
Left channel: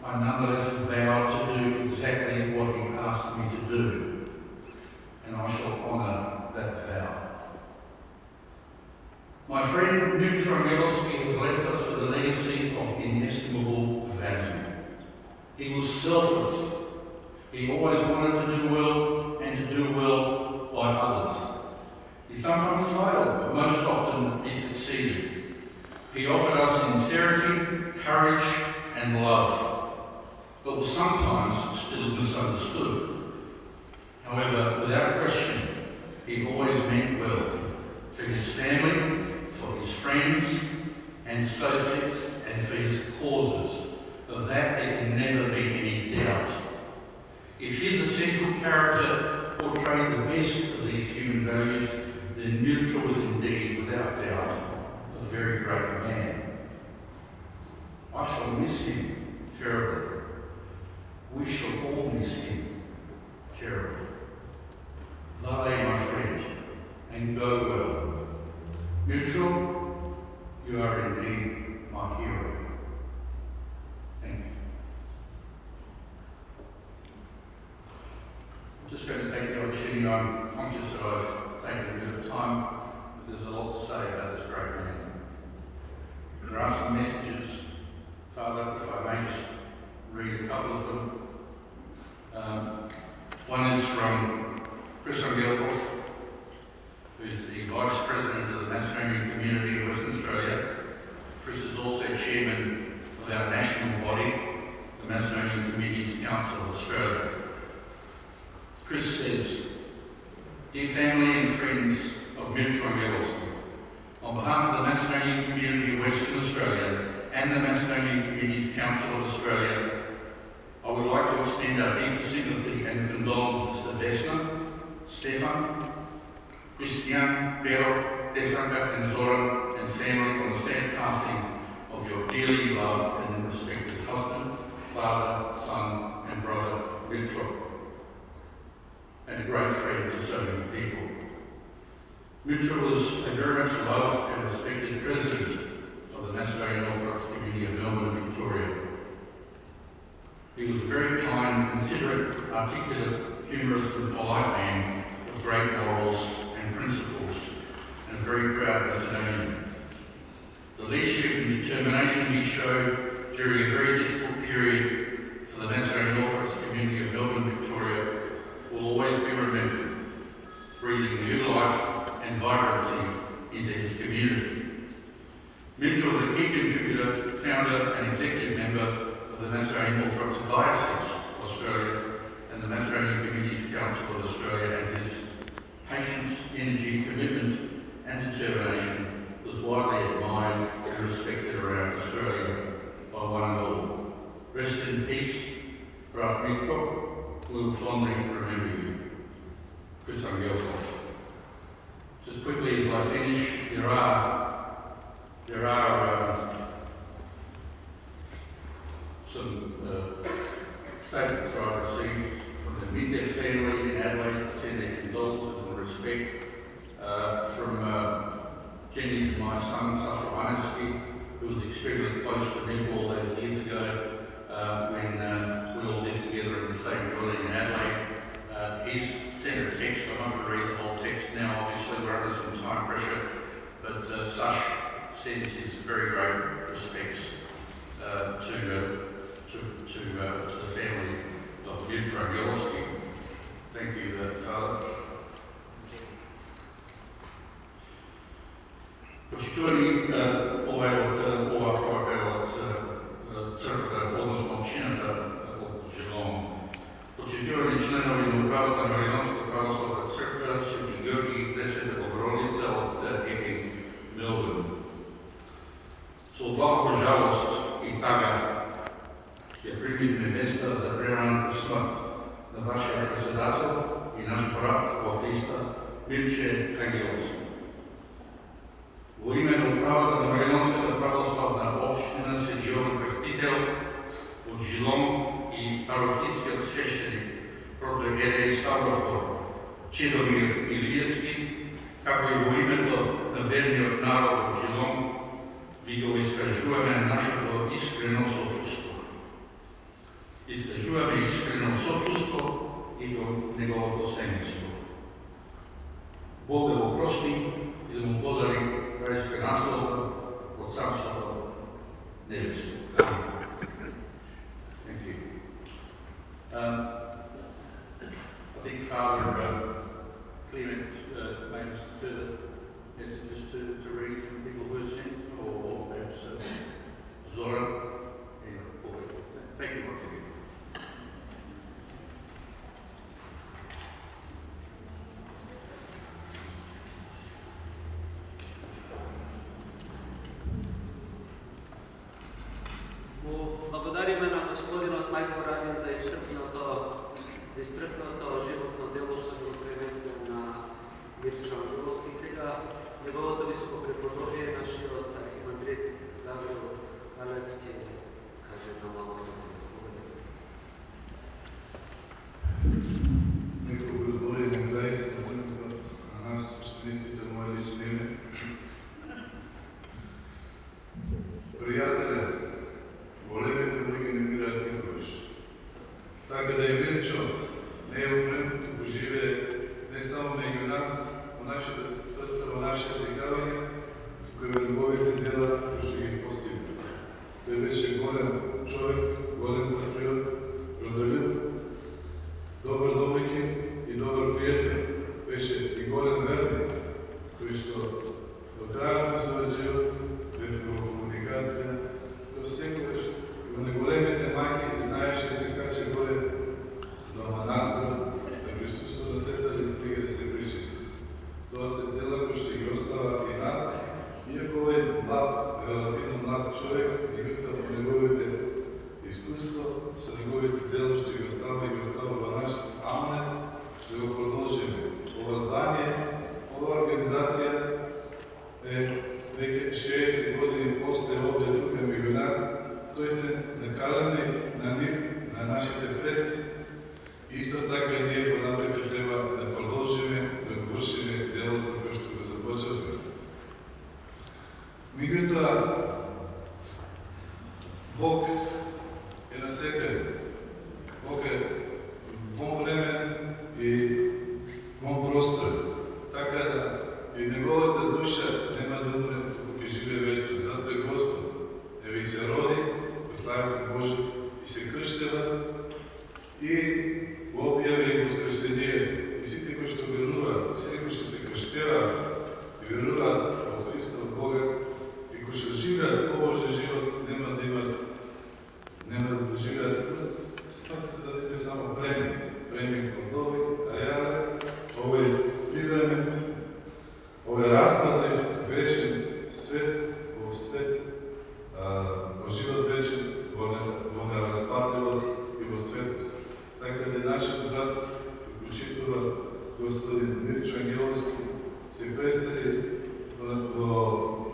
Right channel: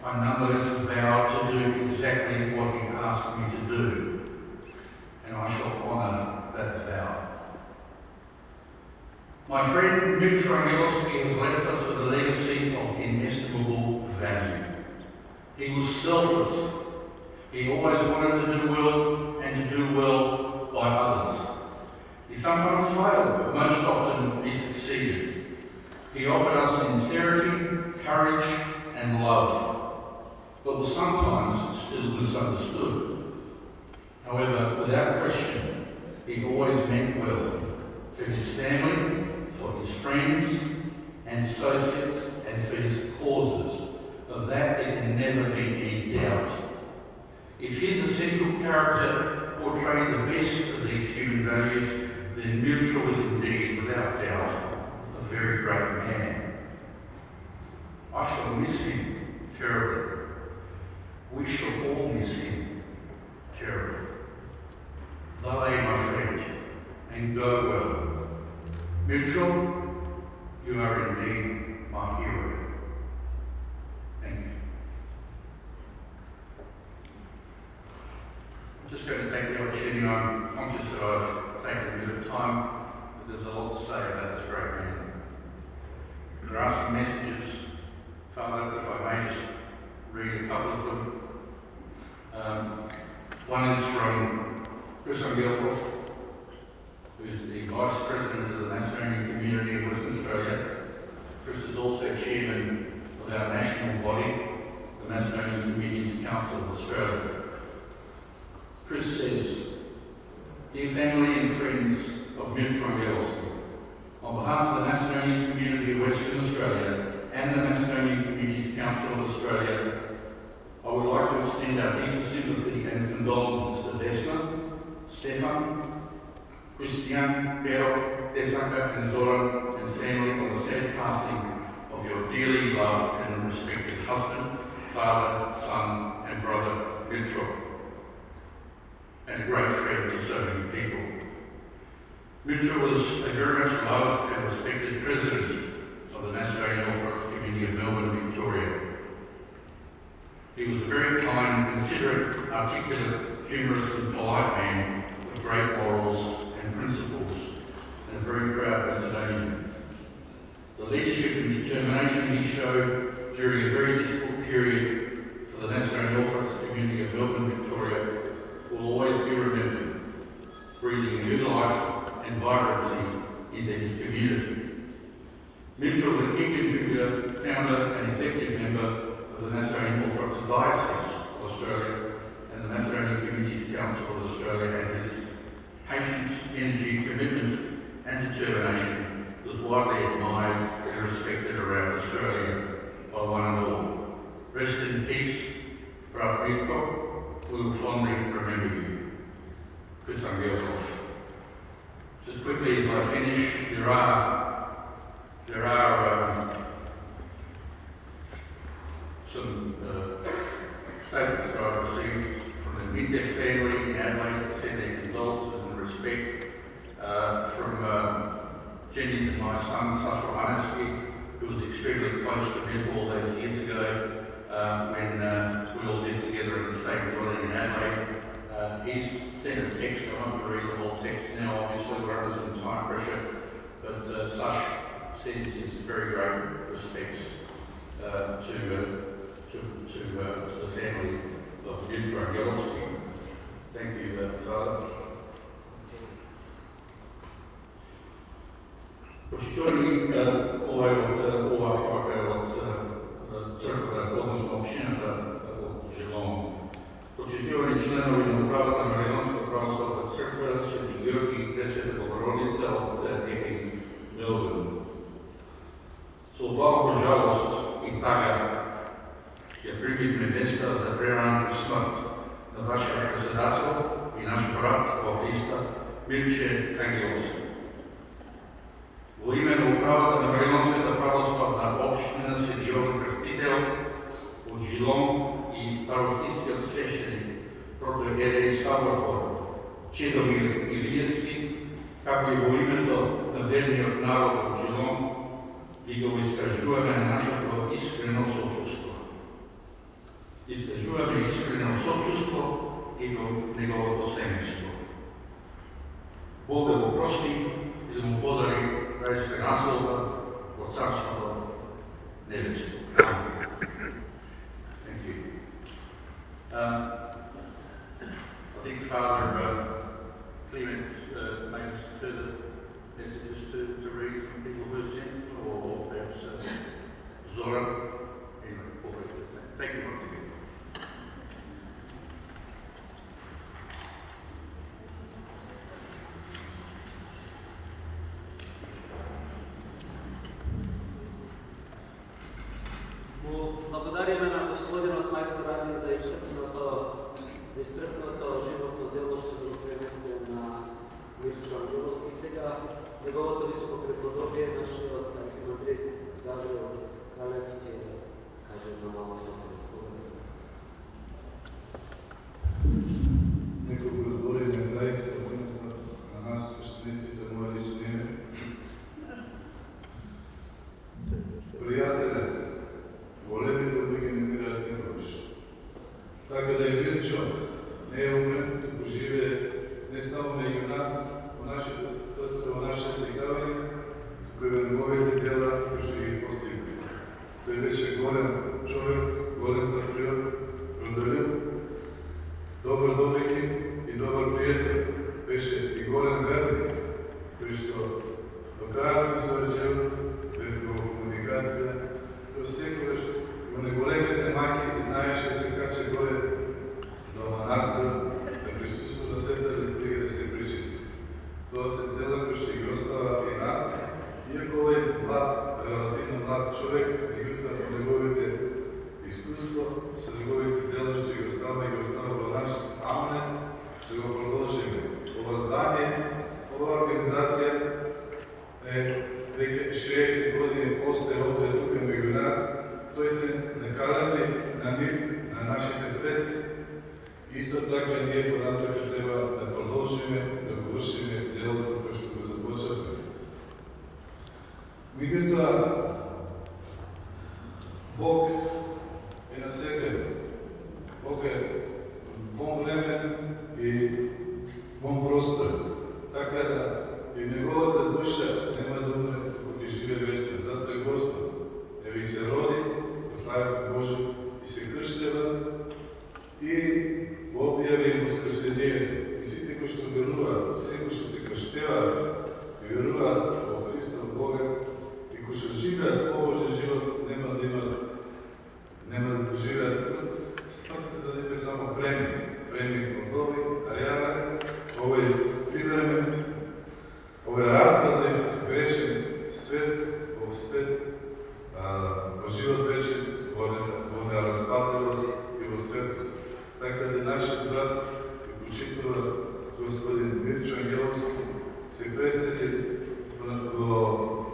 I nonetheless vowed to do exactly what he asked me to do, and I shall honour that vow. My friend Mirco Angelovski has left us with a legacy of inestimable value. He was selfless. He always wanted to do well and to do well by others. He sometimes failed, but most often he succeeded. He offered us sincerity, courage, and love, but was sometimes still misunderstood. However, without question, he always meant well for his family, for his friends and associates, and for his causes. Of that there can never be any doubt. If his essential character portrayed the best of these human values, then Mirco was indeed, without doubt, a very great man. I shall miss him terribly. We shall all miss him terribly. Vale, my friend, and go well. Mirco, you are indeed my hero. Thank you. I'm just going to take the opportunity. I'm conscious that I've taken a bit of time, but there's a lot to say about this great man. There are some messages, Father, if I may just read a couple of them. One is from Chris Angelovski, who is the Vice President of the Macedonian Community of Western Australia. Chris is also Chairman of our national body, the Macedonian Communities Council of Australia. Chris says, "Dear family and friends of Mirco Angelovski, on behalf of the Macedonian Community of Western Australia and the Macedonian Communities Council of Australia, I would like to extend our deepest sympathy and condolences to Vesna, Stefan, Christian, Pero, Desanka, and Zoran, and Samuel, on the sad passing of your dearly loved and respected husband, father, son, and brother, Mirco, and a great friend to so many people. Mirco was a very much loved and respected president of the Nazarene Orthodox Community of Melbourne, Victoria. He was a very kind, considerate, articulate, humorous and polite man of great morals and principles, and a very proud Macedonian. The leadership and determination he showed during a very difficult period for the Nazarene Orthodox Community of Melbourne, Victoria, will always be remembered, breathing new life and vibrancy into his community. Mitchell was a key contributor, founder and executive member of the Nazarene Orthodox Diocese of Australia and the Nazarene Communities Council of Australia, and his patience, energy, commitment and determination was widely admired and respected around Australia by one and all. Rest in peace, Brother Mirco. We will fondly remember you. Chris Angelovski. Just quickly as I finish, there are some statements that I received from the Mirco family in Adelaide to send their condolences and respect, from Jenny's and my son, Angelovski, who was extremely close to Mirco all those years ago when we all lived together in the same dwelling in Adelaide. He's sent a text. I'm not going to read the whole text now, obviously we're under some time pressure, but Sash sends his very great respects to the family of Eulogy. Thank you, Father. Почитувани ovaj od crkve, odnosno općinata od Geelong. Počitувани članovi na upravата на Македонската православна църква, Свети Georgij, Пресвета Богородица от Epping, Melbourne. С огромна жалост и тага я примихме веста за прераната смърт на вашия председател и наш брат во Христа, Mirco Angelovski. Во име на управата на Македонската православна община, Свети Йован Крстител от Geelong и парохийскиот свещеник протоиерей Ставрофор Чедомир Илиевски, како и во името на верниот народ од Geelong, ви го искажуваме нашето искрено сочувство. Искажуваме искрено сочувство и до неговото семејство. Бог да го прости и да му подари райска наслада од Царството небесно. Thank you. I think Father Clement made some further messages to read from people who are sent, or perhaps Zoran. Anyway, thank you once again. Благодариме на Господинот Мајко Радин за исцрпното животно дело што го пренесе на Mirco Angelovski. Сега неговото високо преподобие, нашиот архимандрит Гаврил Калеп ќе каже на малко. Неколку збори на крај на нас, свещениците, мои лично име. Пријателе, волевите луѓе не умираат никогаш. Така да и Mirco не е умрен, туку живее не само меѓу нас, во нашите срца, во нашите сегавања, туку и во неговите дела кои што ги постигна. Тој беше голем човек, голем organizacija već 60 godina postoje ovdje tukaj među nas, koji se nakalani na našите predsi. Isto tako je lijepo na tebe treba da položime, da vršime delo koje što ga započeli. Međutim, Bog je na sekretu. Bog je vom vremen i vom prostor. Tako da i njegovata duša nema dobro dok je žive vječno. Zato je Gospod, evi se rodi, proslaviti Bože, i se kršteva i objavi Vaskrsenje. I svi koji što vjeruva, svi koji što se kršteva i vjeruva od Hrista od Boga i koji što žive Božji život, nema da doživlja smrt. Smrt za njega samo premij kodovi, a ja ovaj privremen, ovaj razpadljiv, grešen svet, ovog svet, o život večer, ona raspadljivost i o svetost. Tako da je naš brat i učitova, gospodin Mirco Angelovski, se preseli do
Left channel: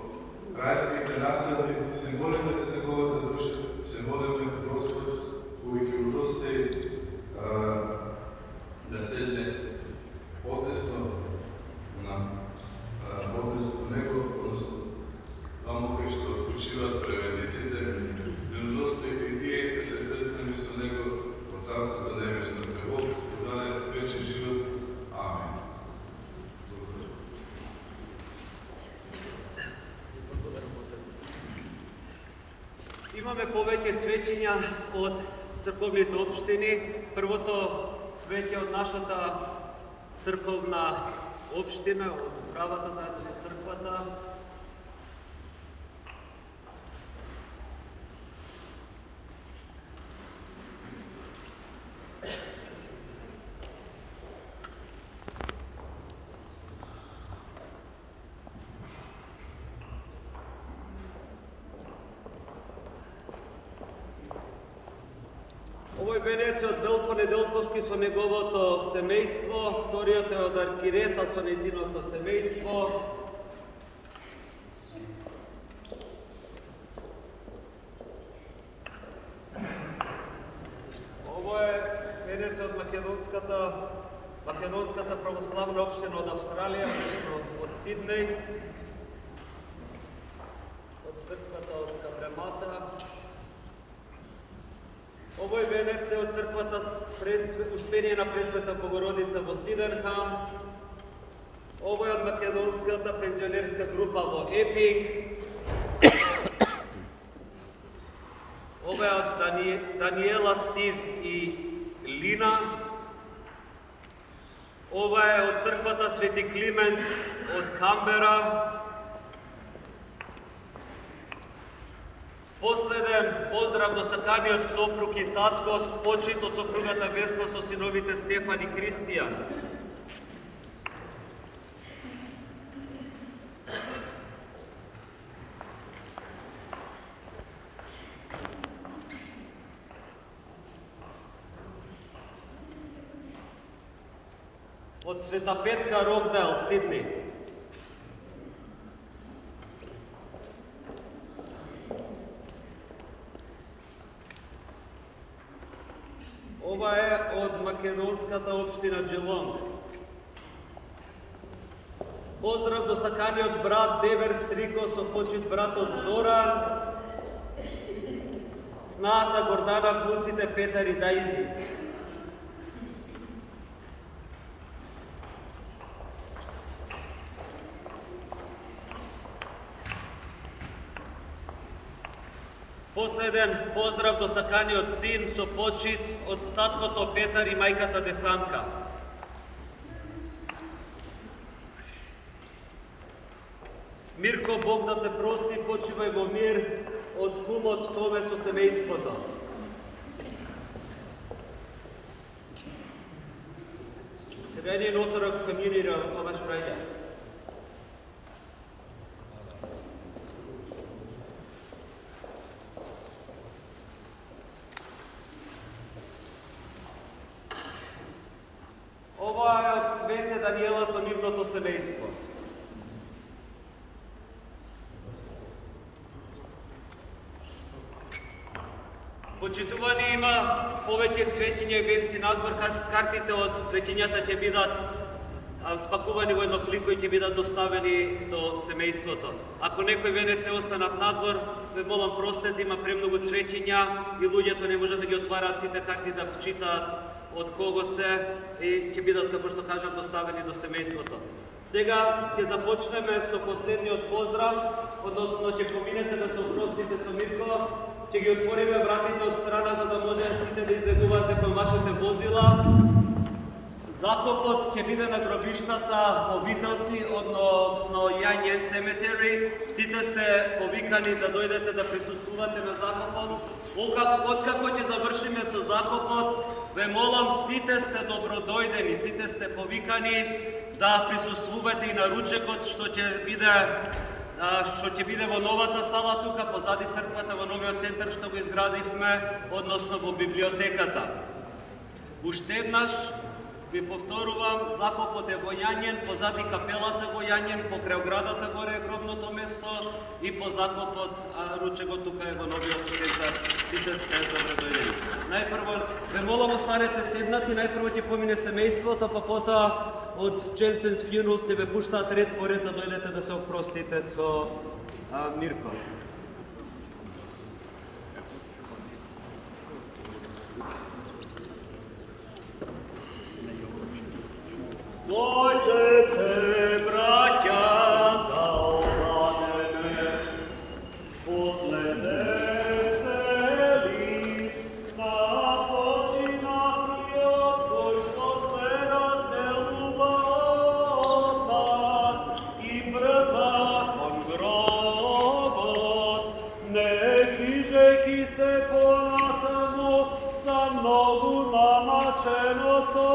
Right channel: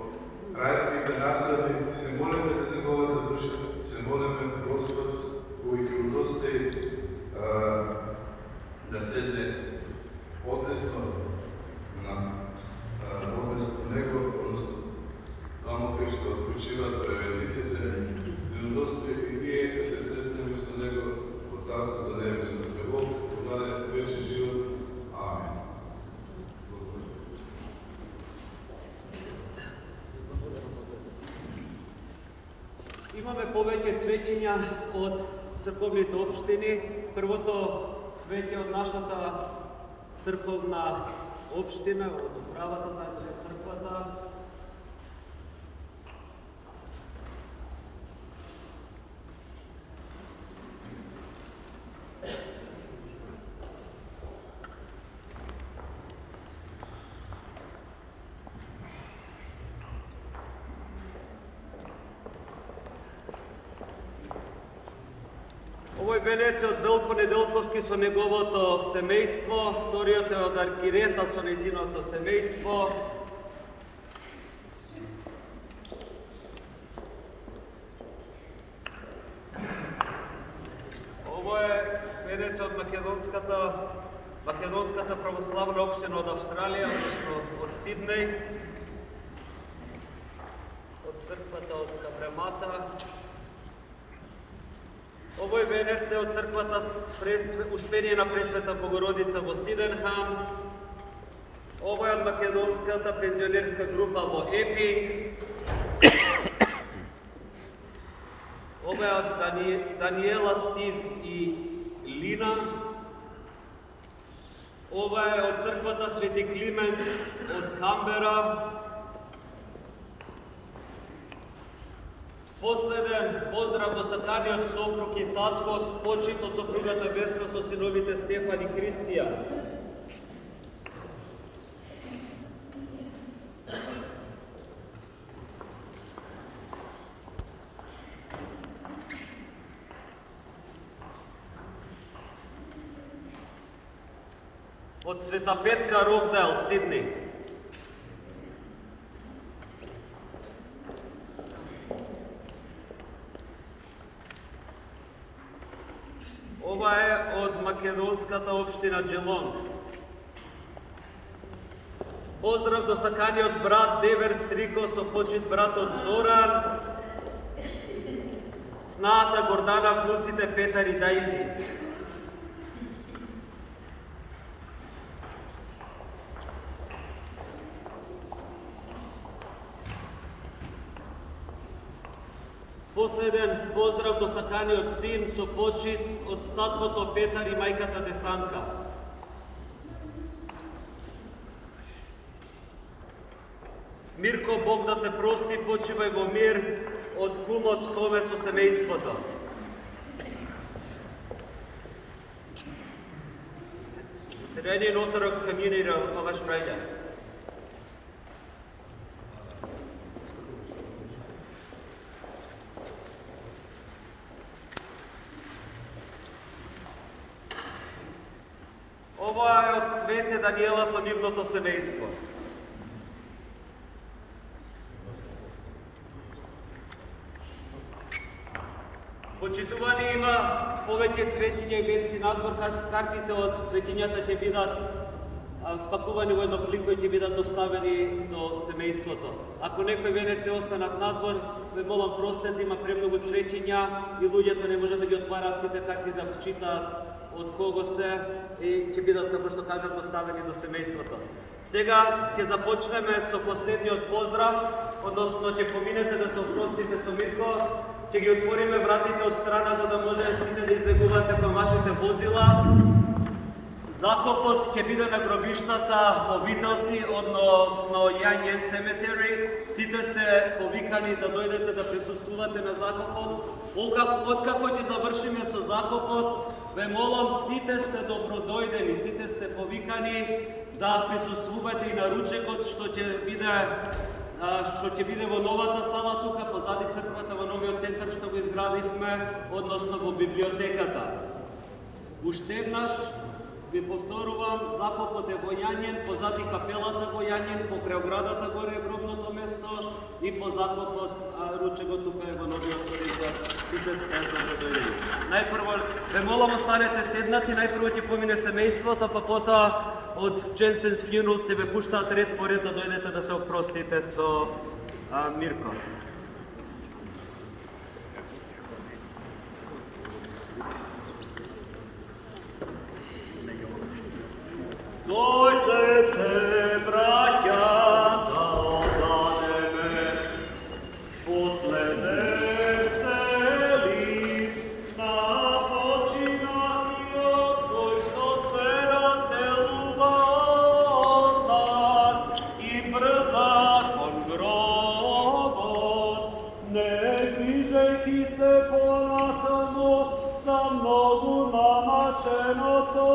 rajskega naselja, se molimo za njegovata duša, se molimo Gospod, uvijek je udostaji da sedne odnesno na odnesno nego, odnosno tamo koji što odlučiva prevedicite, da udostaji i nije da se sretnemo sa nego od carstva do nebesno trebog, da je veći život. Amen. Imаме повеќе цветења од црковните општини. Првото цвеќе од нашата црковна општина, од управата заедно со црквата. Овој венец е од Велко Неделковски со неговото семејство, вториот е од Аркирета со нејзиното семејство. Ово е венец од Македонската православна општина од Австралија, односно од Сиднеј, од црквата од Капремата. Овој венец е од црквата Успение на Пресвета Богородица во Сиденхам. Овој е од македонската пензионерска група во Epping. Ова е од Даниела, Стив и Лина. Ова е од црквата Свети Климент од Камбера. Последен поздрав до саканиот сопруг и татко, почит од сопругата Весна со синовите Стефан и Кристијан. Од Света Петка, Рокдайл, Сидни. Ова е од македонската општина Джелонг. Поздрав до саканиот брат Девер Стрико со почит братот Зоран, снаата Гордана, внуците Петар и Дајзи. Последен поздрав до саканиот син со почит од таткото Петар и мајката Десанка. Мирко, Бог да те прости, почивај во мир, од кумот Томе со семејството. Syrian Orthodox Community of Australia. Ovo ова е од Свете Даниела со нивното семејство. Почитувани, има повеќе цветиња и венци надвор, картите од цветињата ќе бидат спакувани во едно плик кои ќе бидат доставени до семејството. Ако некој венец се останат надвор, ве молам простете, има премногу цветиња и луѓето не можат да ги отвараат сите карти да читаат од кого се и ќе бидат, како што кажам, доставени до семејството. Сега ќе започнеме со последниот поздрав, односно ќе поминете да се опростите со Мирко, ќе ги отвориме вратите од страна за да може сите да излегувате кон вашите возила. Закопот ќе биде на гробиштата во Вителси, односно Јањен Cemetery. Сите сте повикани да дојдете да присуствувате на закопот. Откако ќе завршиме со закопот, ве молам, сите сте добродојдени, сите сте повикани да присуствувате и на ручекот што ќе биде во новата сала тука, позади црквата, во новиот центар што го изградивме, односно во библиотеката. Уште еднаш ви повторувам, закопот е во Јањен, позади капелата во Јањен, покрај оградата горе е гробното место и по закопот ручекот тука е во новиот центар. Сите сте добродојдени. Најпрво, ве молам останете седнати, најпрво ќе помине семејството, па потоа од Jensen's Funeral се ве пуштаат ред по ред да дојдете да се опростите со Мирко. Dojdete, bratia, da ostaneme posledne celi, na počinati od koji što se razdeluva od nas i brzakon grobot, neki žeki se ponatamo za mnogu namačeno to.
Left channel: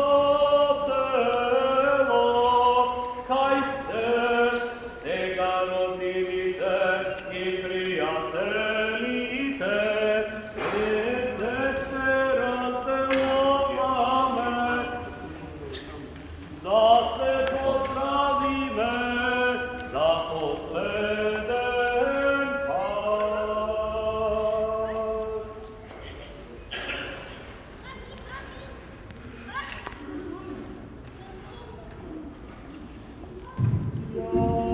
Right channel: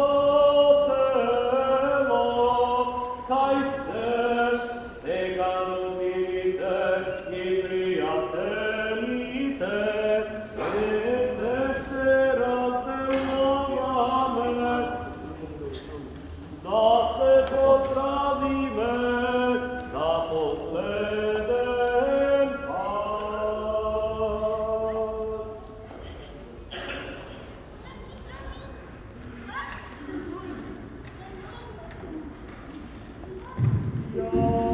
Amen.